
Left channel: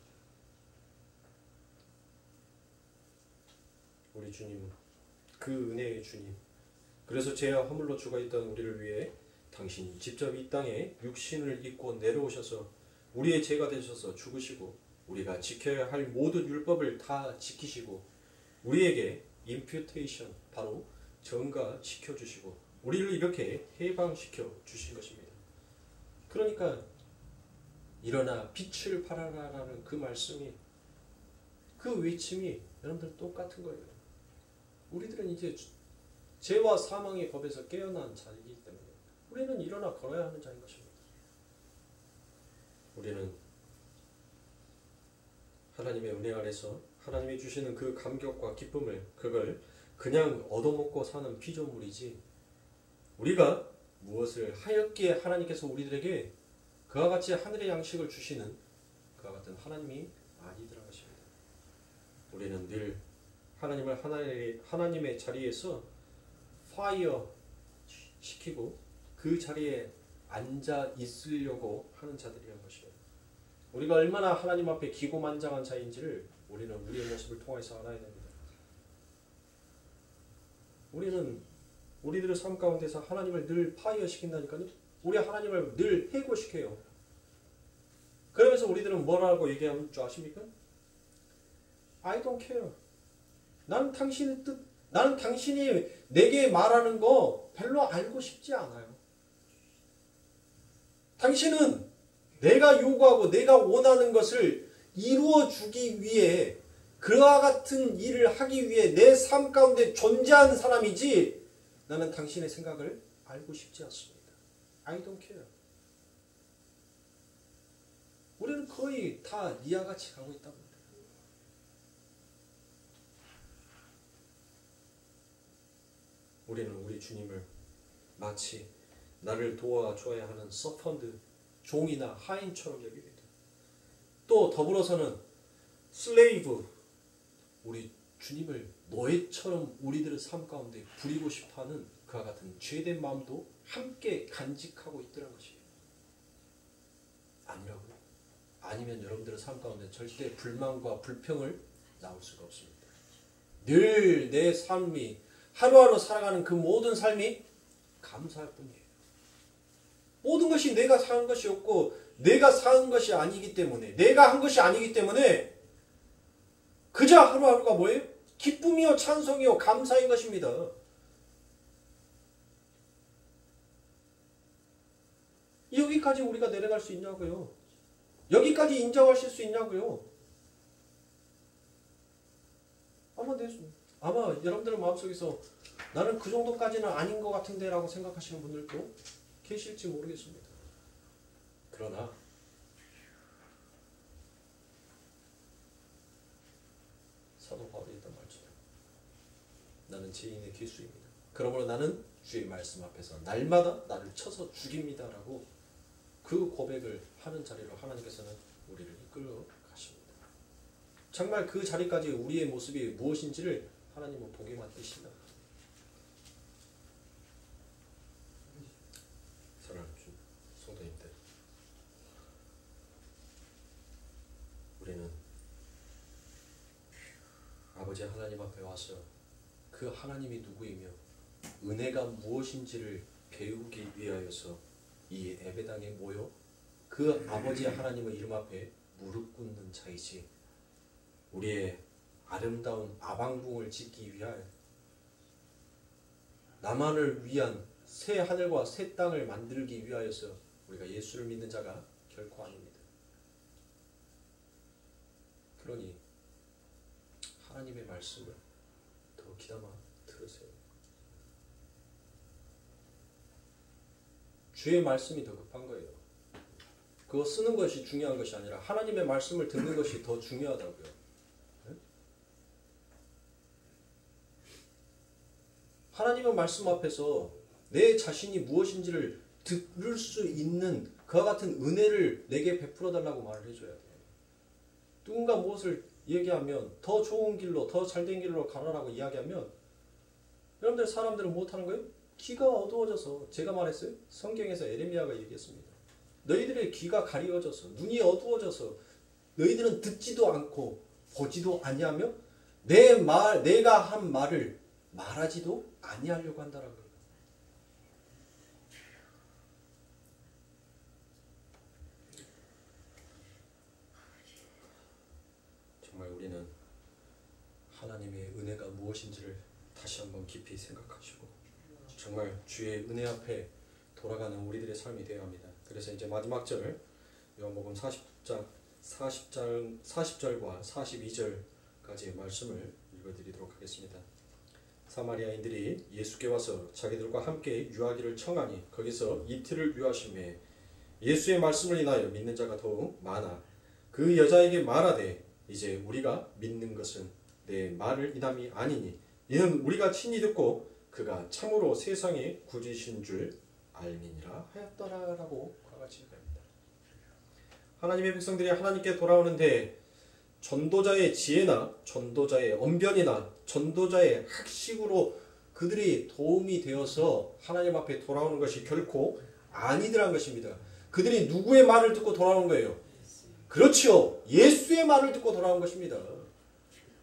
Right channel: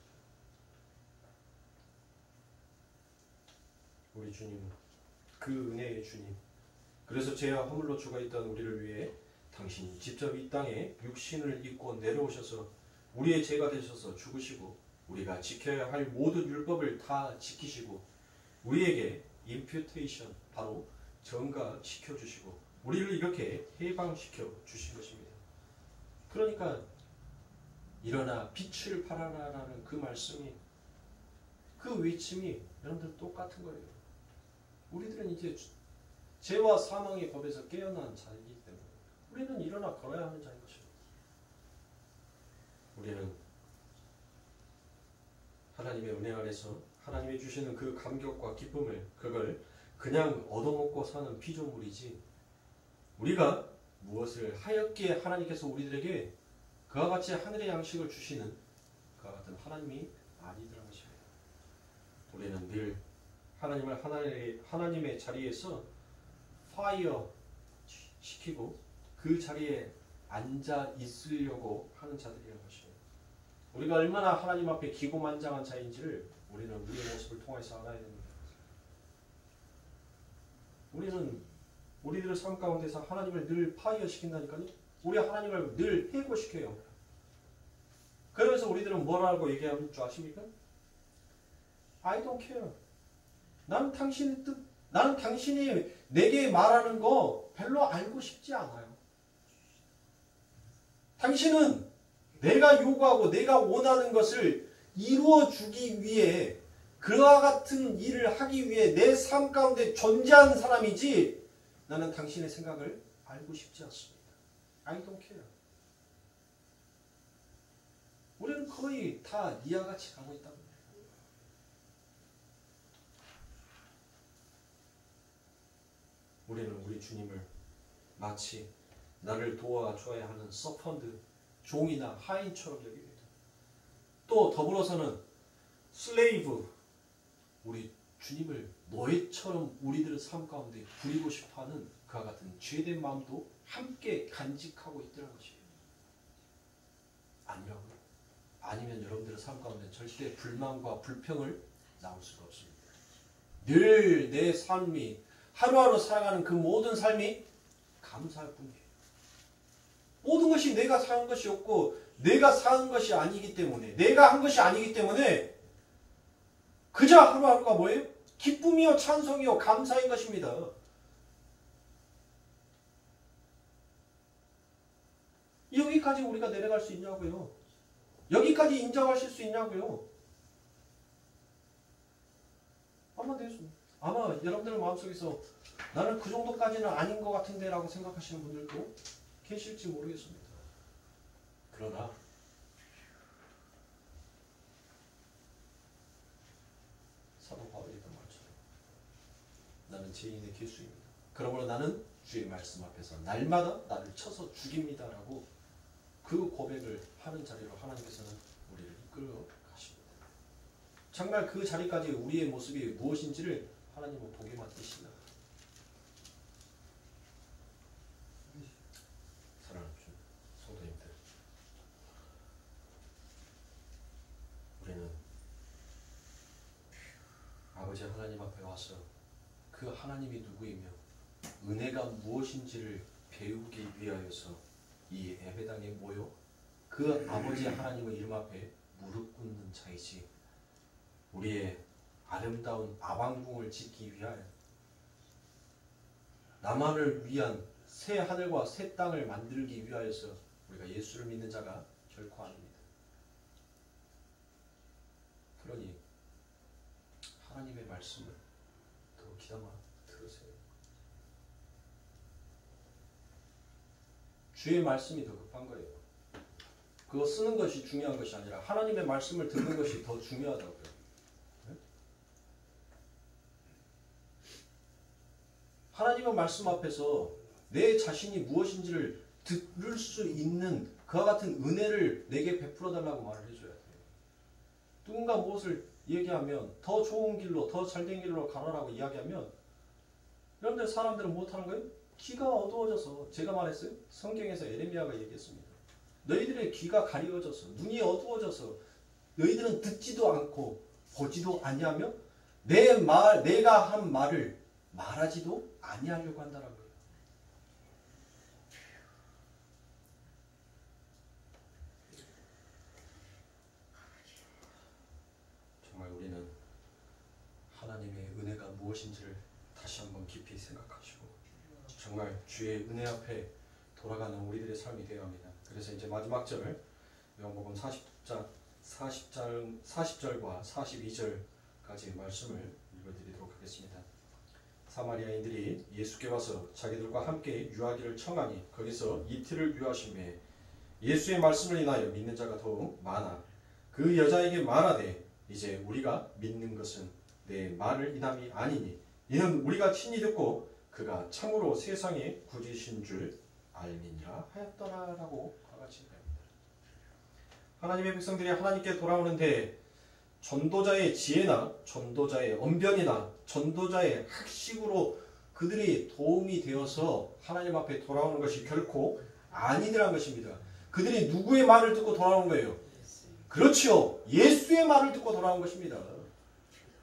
우리 주님, 그 은혜의 주님, 그래서 죄와 허물로 죽어 있던 우리를 위해 당신이 직접 이 땅에 육신을 입고 내려오셔서 우리의 죄가 되셔서 죽으시고 우리가 지켜야 할 모든 율법을 다 지키시고 우리에게 임퓨테이션, 바로 전가시켜주시고 우리를 이렇게 해방시켜 주신 것입니다. 그러니까 일어나 빛을 발하라라는 그 말씀이, 그 외침이 여러분들 똑같은 거예요. 우리들은 이제 죄와 사망의 법에서 깨어난 자이기 때문에 우리는 일어나 걸어야 하는 자인 것입니다. 우리는 하나님의 은혜 아래서 하나님이 주시는 그 감격과 기쁨을, 그걸 그냥 얻어먹고 사는 피조물이지, 우리가 무엇을 하였기에 하나님께서 우리들에게 그와 같이 하늘의 양식을 주시는 그와 같은 하나님이 아니더라는 것입니다. 우리는 늘 하나님을 하나님의 자리에서 파이어 시키고 그 자리에 앉아 있으려고 하는 자들이라는 것이에요. 우리가 얼마나 하나님 앞에 기고만장한 자인지를 우리는 우리의 모습을 통해서 알아야 됩니다. 우리는 우리들의 삶 가운데서 하나님을 늘 파이어 시킨다니까요. 우리 하나님을 늘 해고시켜요. 그러면서 우리들은 뭐라고 얘기하는 줄 아십니까? I don't care. 나는 당신의 뜻, 나는 당신이 내게 말하는 거 별로 알고 싶지 않아요. 당신은 내가 요구하고 내가 원하는 것을 이루어주기 위해 그와 같은 일을 하기 위해 내 삶 가운데 존재하는 사람이지, 나는 당신의 생각을 알고 싶지 않습니다. I don't care. 우리는 거의 다 이와 같이 가고 있다고 합니다. 우리는 우리 주님을 마치 나를 도와줘야 하는 서펀드, 종이나 하인처럼 여깁니다. 또 더불어서는 슬레이브, 우리 주님을 노예처럼 우리들의 삶 가운데 부리고 싶어하는 그와 같은 죄된 마음도 함께 간직하고 있더라는 것이에요. 아니라고요? 아니면 여러분들의 삶 가운데 절대 불만과 불평을 나올 수가 없습니다. 늘 내 삶이, 하루하루 살아가는 그 모든 삶이 감사할 뿐이에요. 모든 것이 내가 산 것이 없고 내가 산 것이 아니기 때문에, 내가 한 것이 아니기 때문에 그저 하루하루가 뭐예요? 기쁨이요, 찬송이요, 감사인 것입니다. 여기까지 우리가 내려갈 수 있냐고요? 여기까지 인정하실 수 있냐고요? 아마 여러분들 마음속에서 나는 그 정도까지는 아닌 것 같은데 라고 생각하시는 분들도 계실지 모르겠습니다. 그러나 사도 바울이 했던 말처럼 나는 죄인의 기수입니다. 그러므로 나는 주의 말씀 앞에서 날마다 나를 쳐서 죽입니다 라고 그 고백을 하는 자리로 하나님께서는 우리를 이끌어 가십니다. 정말 그 자리까지 우리의 모습이 무엇인지를 하나님은 보게만 되신다. 사랑하는 성도님들, 우리는 아버지 하나님 앞에 와서 그 하나님이 누구이며 은혜가 무엇인지를 배우기 위하여서 이 예배당에 모여 그 아버지 하나님의 이름 앞에 무릎 꿇는 자이지, 우리의 아름다운 아방궁을 짓기 위하여 나만을 위한 새 하늘과 새 땅을 만들기 위하여서 우리가 예수를 믿는 자가 결코 아닙니다. 그러니 하나님의 말씀을 더 귀담아 들으세요. 주의 말씀이 더 급한 거예요. 그거 쓰는 것이 중요한 것이 아니라 하나님의 말씀을 듣는 것이 더 중요하다고요. 네? 하나님의 말씀 앞에서 내 자신이 무엇인지를 들을 수 있는 그와 같은 은혜를 내게 베풀어 달라고 말을 해줘야 돼요. 누군가 무엇을 얘기하면 더 좋은 길로, 더 잘된 길로 가라라고 이야기하면 여러분들 사람들은 못하는 거예요? 귀가 어두워져서, 제가 말했어요? 성경에서 에레미야가 얘기했습니다. 너희들의 귀가 가리워져서, 눈이 어두워져서 너희들은 듣지도 않고 보지도 아니하며 내가 한 말을 말하지도 아니하려고 한다라고 해요. 정말 우리는 하나님의 은혜가 무엇인지를 다시 한번 깊이 생각하시고 정말 주의 은혜 앞에 돌아가는 우리들의 삶이 되어야 합니다. 그래서 이제 마지막 절 요한복음 40절과 42절까지의 말씀을 읽어드리도록 하겠습니다. 사마리아인들이 예수께 와서 자기들과 함께 유하기를 청하니 거기서 이틀을 유하심에 예수의 말씀을 인하여 믿는 자가 더욱 많아 그 여자에게 말하되 이제 우리가 믿는 것은 내 말을 인함이 아니니 이는 우리가 친히 듣고 그가 참으로 세상의 구주이신 줄 알미니라 하였더라라고 과같이 얘기합니다. 하나님의 백성들이 하나님께 돌아오는데 전도자의 지혜나 전도자의 언변이나 전도자의 학식으로 그들이 도움이 되어서 하나님 앞에 돌아오는 것이 결코 아니더란 것입니다. 그들이 누구의 말을 듣고 돌아오는 거예요? 그렇지요. 예수의 말을 듣고 돌아온 것입니다.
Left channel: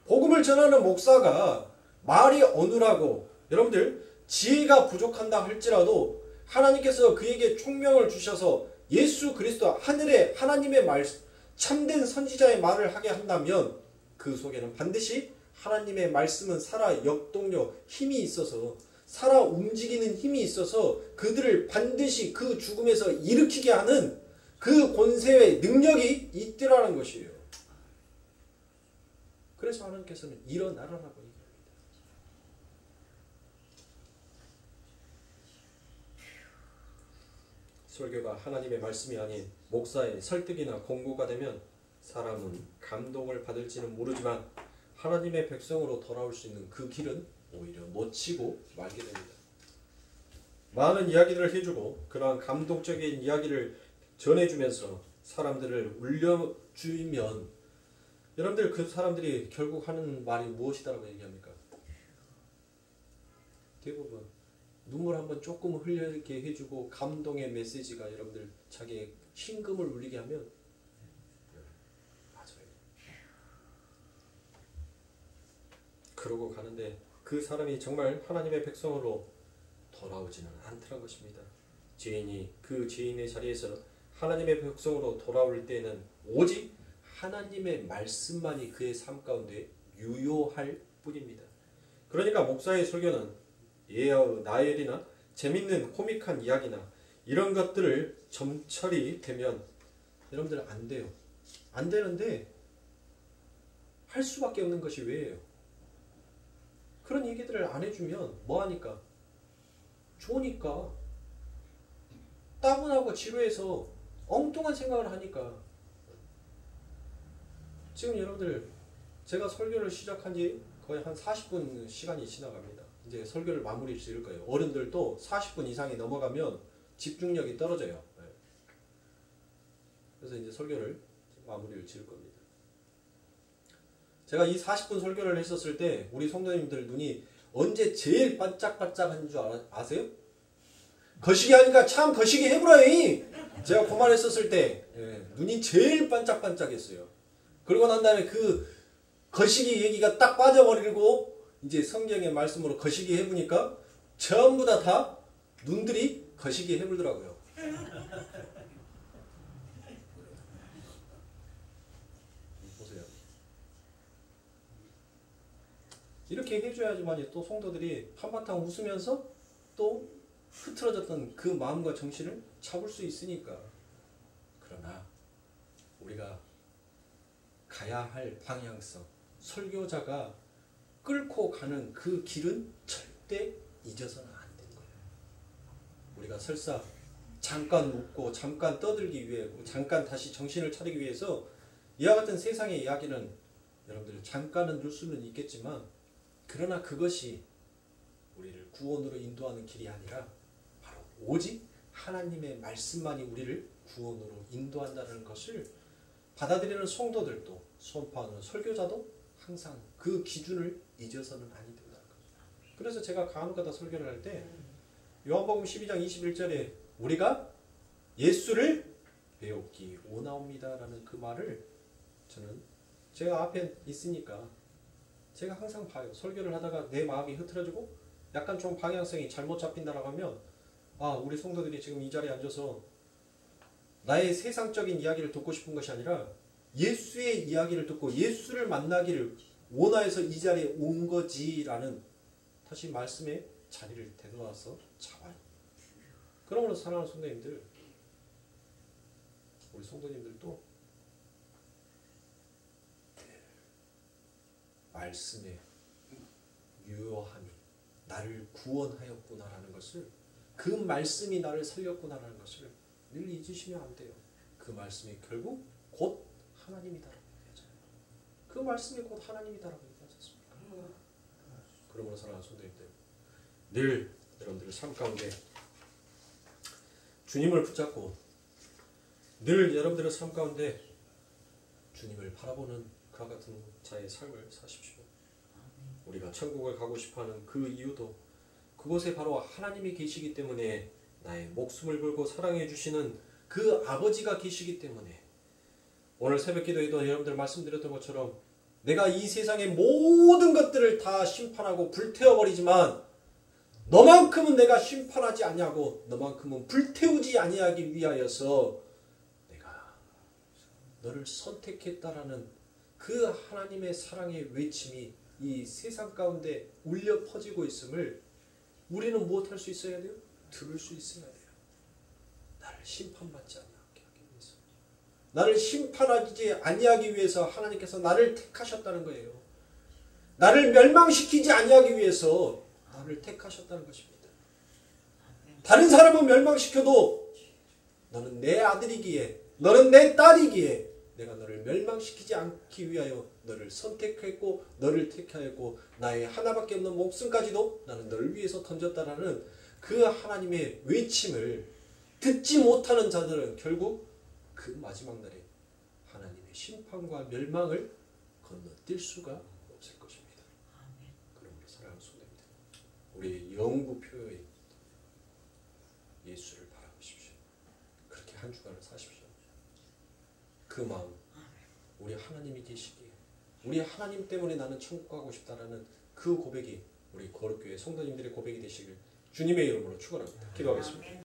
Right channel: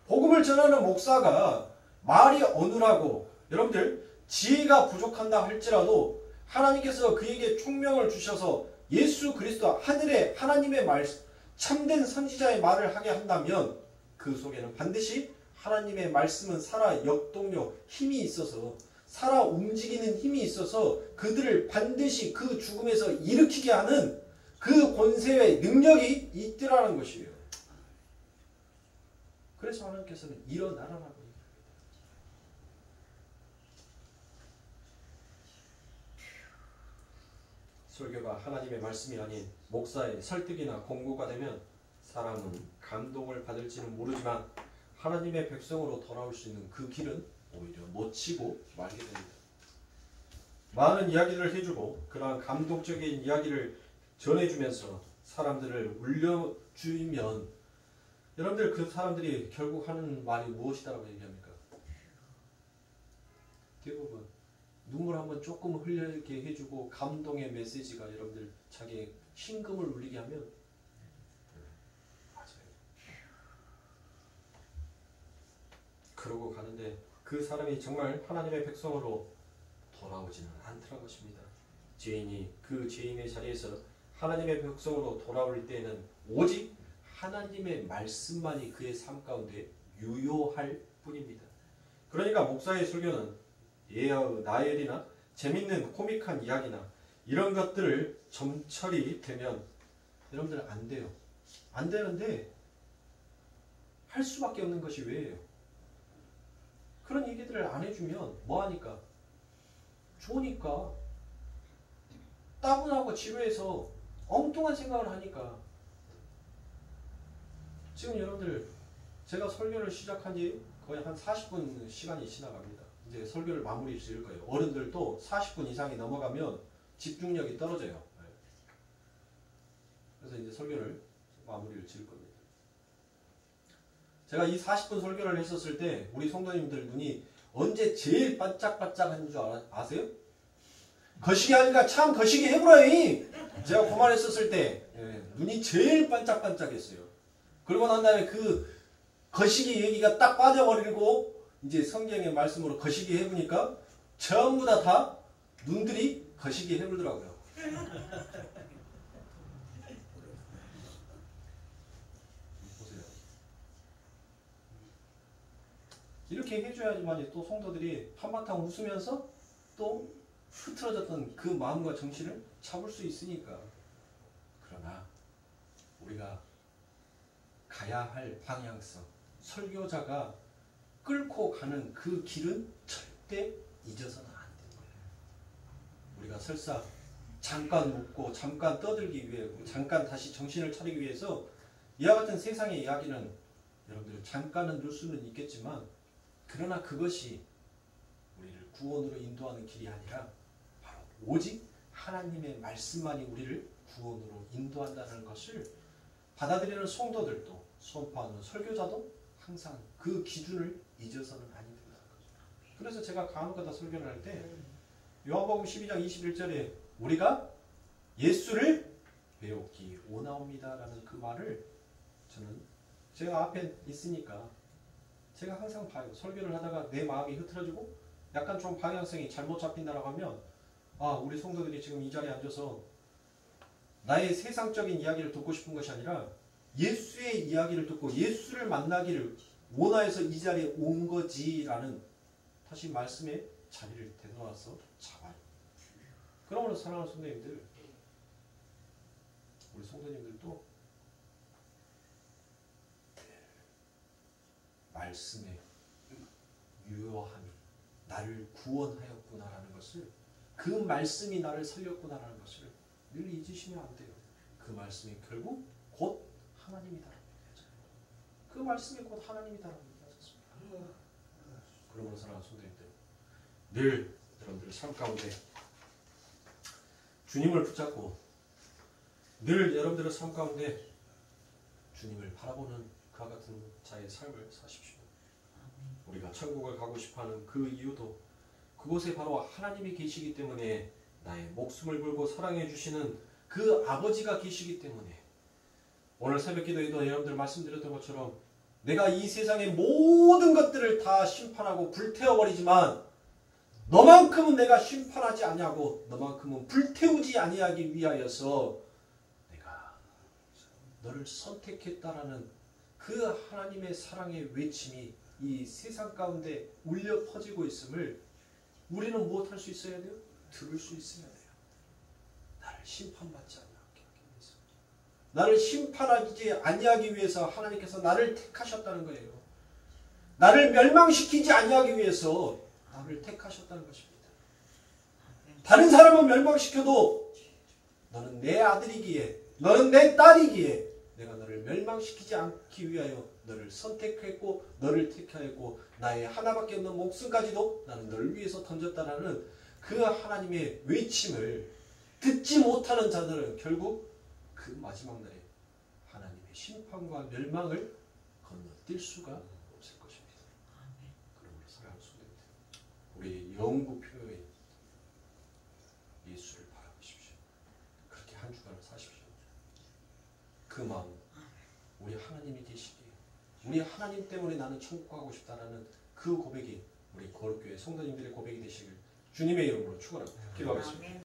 복음을 전하는 목사가 말이 어눌하고 여러분들 지혜가 부족한다 할지라도 하나님께서 그에게 총명을 주셔서 예수 그리스도 하늘의 하나님의 말 참된 선지자의 말을 하게 한다면 그 속에는 반드시 하나님의 말씀은 살아 역동력 힘이 있어서 살아 움직이는 힘이 있어서 그들을 반드시 그 죽음에서 일으키게 하는 그 권세의 능력이 있더라는 것이에요. 그래서 하나님께서는 일어나라라고 얘기합니다. 설교가 하나님의 말씀이 아닌 목사의 설득이나 공고가 되면 사람은 감동을 받을지는 모르지만 하나님의 백성으로 돌아올 수 있는 그 길은 오히려 놓치고 말게 됩니다. 많은 이야기를 해주고 그러한 감동적인 이야기를 전해주면서 사람들을 울려주면 여러분들 그 사람들이 결국 하는 말이 무엇이다라고 얘기합니까? 대부분 눈물 한번 조금 흘리게 해주고 감동의 메시지가 여러분들 자기의 심금을 울리게 하면 맞아요. 그러고 가는데 그 사람이 정말 하나님의 백성으로 돌아오지는 않더란 것입니다. 죄인이 그 죄인의 자리에서 하나님의 백성으로 돌아올 때에는 오직 하나님의 말씀만이 그의 삶 가운데 유효할 뿐입니다. 그러니까 목사의 설교는 예언, 나엘이나 재밌는 코믹한 이야기나 이런 것들을 점철이 되면 여러분들 안 돼요. 안 되는데 할 수밖에 없는 것이 왜예요? 그런 얘기들을 안 해주면 뭐하니까? 좋으니까 따분하고 지루해서 엉뚱한 생각을 하니까. 지금 여러분들 제가 설교를 시작한 지 거의 한 40분 시간이 지나갑니다. 이제 설교를 마무리 지을 거예요. 어른들도 40분 이상이 넘어가면 집중력이 떨어져요. 그래서 이제 설교를 마무리를 지을 겁니다. 제가 이 40분 설교를 했었을 때 우리 성도님들 눈이 언제 제일 반짝반짝한 줄 아세요? 거시기 하니까 참 거시기 해보라이. 제가 그 말 했었을 때 눈이 제일 반짝반짝했어요. 그러고 난 다음에 그 거시기 얘기가 딱 빠져버리고 이제 성경의 말씀으로 거시기 해보니까 전부 다 눈들이 거시기 해보더라고요. 보세요. 이렇게 해줘야지만 또 성도들이 한바탕 웃으면서 또 흐트러졌던 그 마음과 정신을 잡을 수 있으니까. 그러나 우리가 가야 할 방향성, 설교자가 끌고 가는 그 길은 절대 잊어서는 안 되는 거예요. 우리가 설사 잠깐 웃고 잠깐 떠들기 위해 잠깐 다시 정신을 차리기 위해서 이와 같은 세상의 이야기는 여러분들 잠깐은 늘 수는 있겠지만 그러나 그것이 우리를 구원으로 인도하는 길이 아니라 바로 오직 하나님의 말씀만이 우리를 구원으로 인도한다는 것을 받아들이는 성도들도 선포하는 설교자도 항상 그 기준을 잊어서는 아니 된다는 거죠. 그래서 제가 간혹가다 설교를 할 때 요한복음 12장 21절에 우리가 예수를 배우기 원하옵니다라는 그 말을 저는 제가 앞에 있으니까 제가 항상 봐요. 설교를 하다가 내 마음이 흐트러지고 약간 좀 방향성이 잘못 잡힌다라고 하면 아, 우리 성도들이 지금 이 자리에 앉아서 나의 세상적인 이야기를 듣고 싶은 것이 아니라 예수의 이야기를 듣고 예수를 만나기를 원하여서 이 자리에 온 거지라는 다시 말씀의 자리를 되돌아서 잡아요. 그러므로 사랑하는 성도님들, 우리 성도님들도 말씀의 유효함이 나를 구원하였구나라는 것을, 그 말씀이 나를 살렸구나라는 것을 늘 잊으시면 안 돼요. 그 말씀이 결국 곧 하나님이다라고 얘기하잖아요. 그 말씀이 곧 하나님이다라고 얘기하지 않습니까? 그러므로 사랑하는 성도님들, 늘 여러분들의 삶 가운데 주님을 붙잡고 늘 여러분들의 삶 가운데 주님을 바라보는 그와 같은 자의 삶을 사십시오. 우리가 천국을 가고 싶어하는 그 이유도 그곳에 바로 하나님이 계시기 때문에, 나의 목숨을 걸고 사랑해 주시는 그 아버지가 계시기 때문에, 오늘 새벽 기도에도 여러분들 말씀드렸던 것처럼 내가 이 세상의 모든 것들을 다 심판하고 불태워버리지만 너만큼은 내가 심판하지 아니하고 너만큼은 불태우지 아니하기 위하여서 내가 너를 선택했다라는 그 하나님의 사랑의 외침이 이 세상 가운데 울려 퍼지고 있음을 우리는 무엇할 수 있어야 돼요? 들을 수 있어야 돼요. 나를 심판받지 아니하게 하기 위해서, 나를 심판하지 아니하기 위해서 하나님께서 나를 택하셨다는 거예요. 나를 멸망시키지 아니하기 위해서 나를 택하셨다는 것입니다. 다른 사람은 멸망시켜도 너는 내 아들이기에, 너는 내 딸이기에 내가 너를 멸망시키지 않기 위하여 너를 선택했고 너를 택하였고 나의 하나밖에 없는 목숨까지도 나는 너를 위해서 던졌다라는 그 하나님의 외침을 듣지 못하는 자들은 결국 그 마지막 날에 하나님의 심판과 멸망을 건너뛸 수가 없을 것입니다. 그러므로 사랑하는 성도님들, 우리의 영구표의 예수를 바라보십시오. 그렇게 한 주간을 사십시오. 그 마음, 우리 하나님이 계시기에, 우리 하나님 때문에 나는 천국 가고 싶다라는 그 고백이 우리 거룩교회 성도님들의 고백이 되시길 주님의 이름으로 축원합니다. 기도하겠습니다.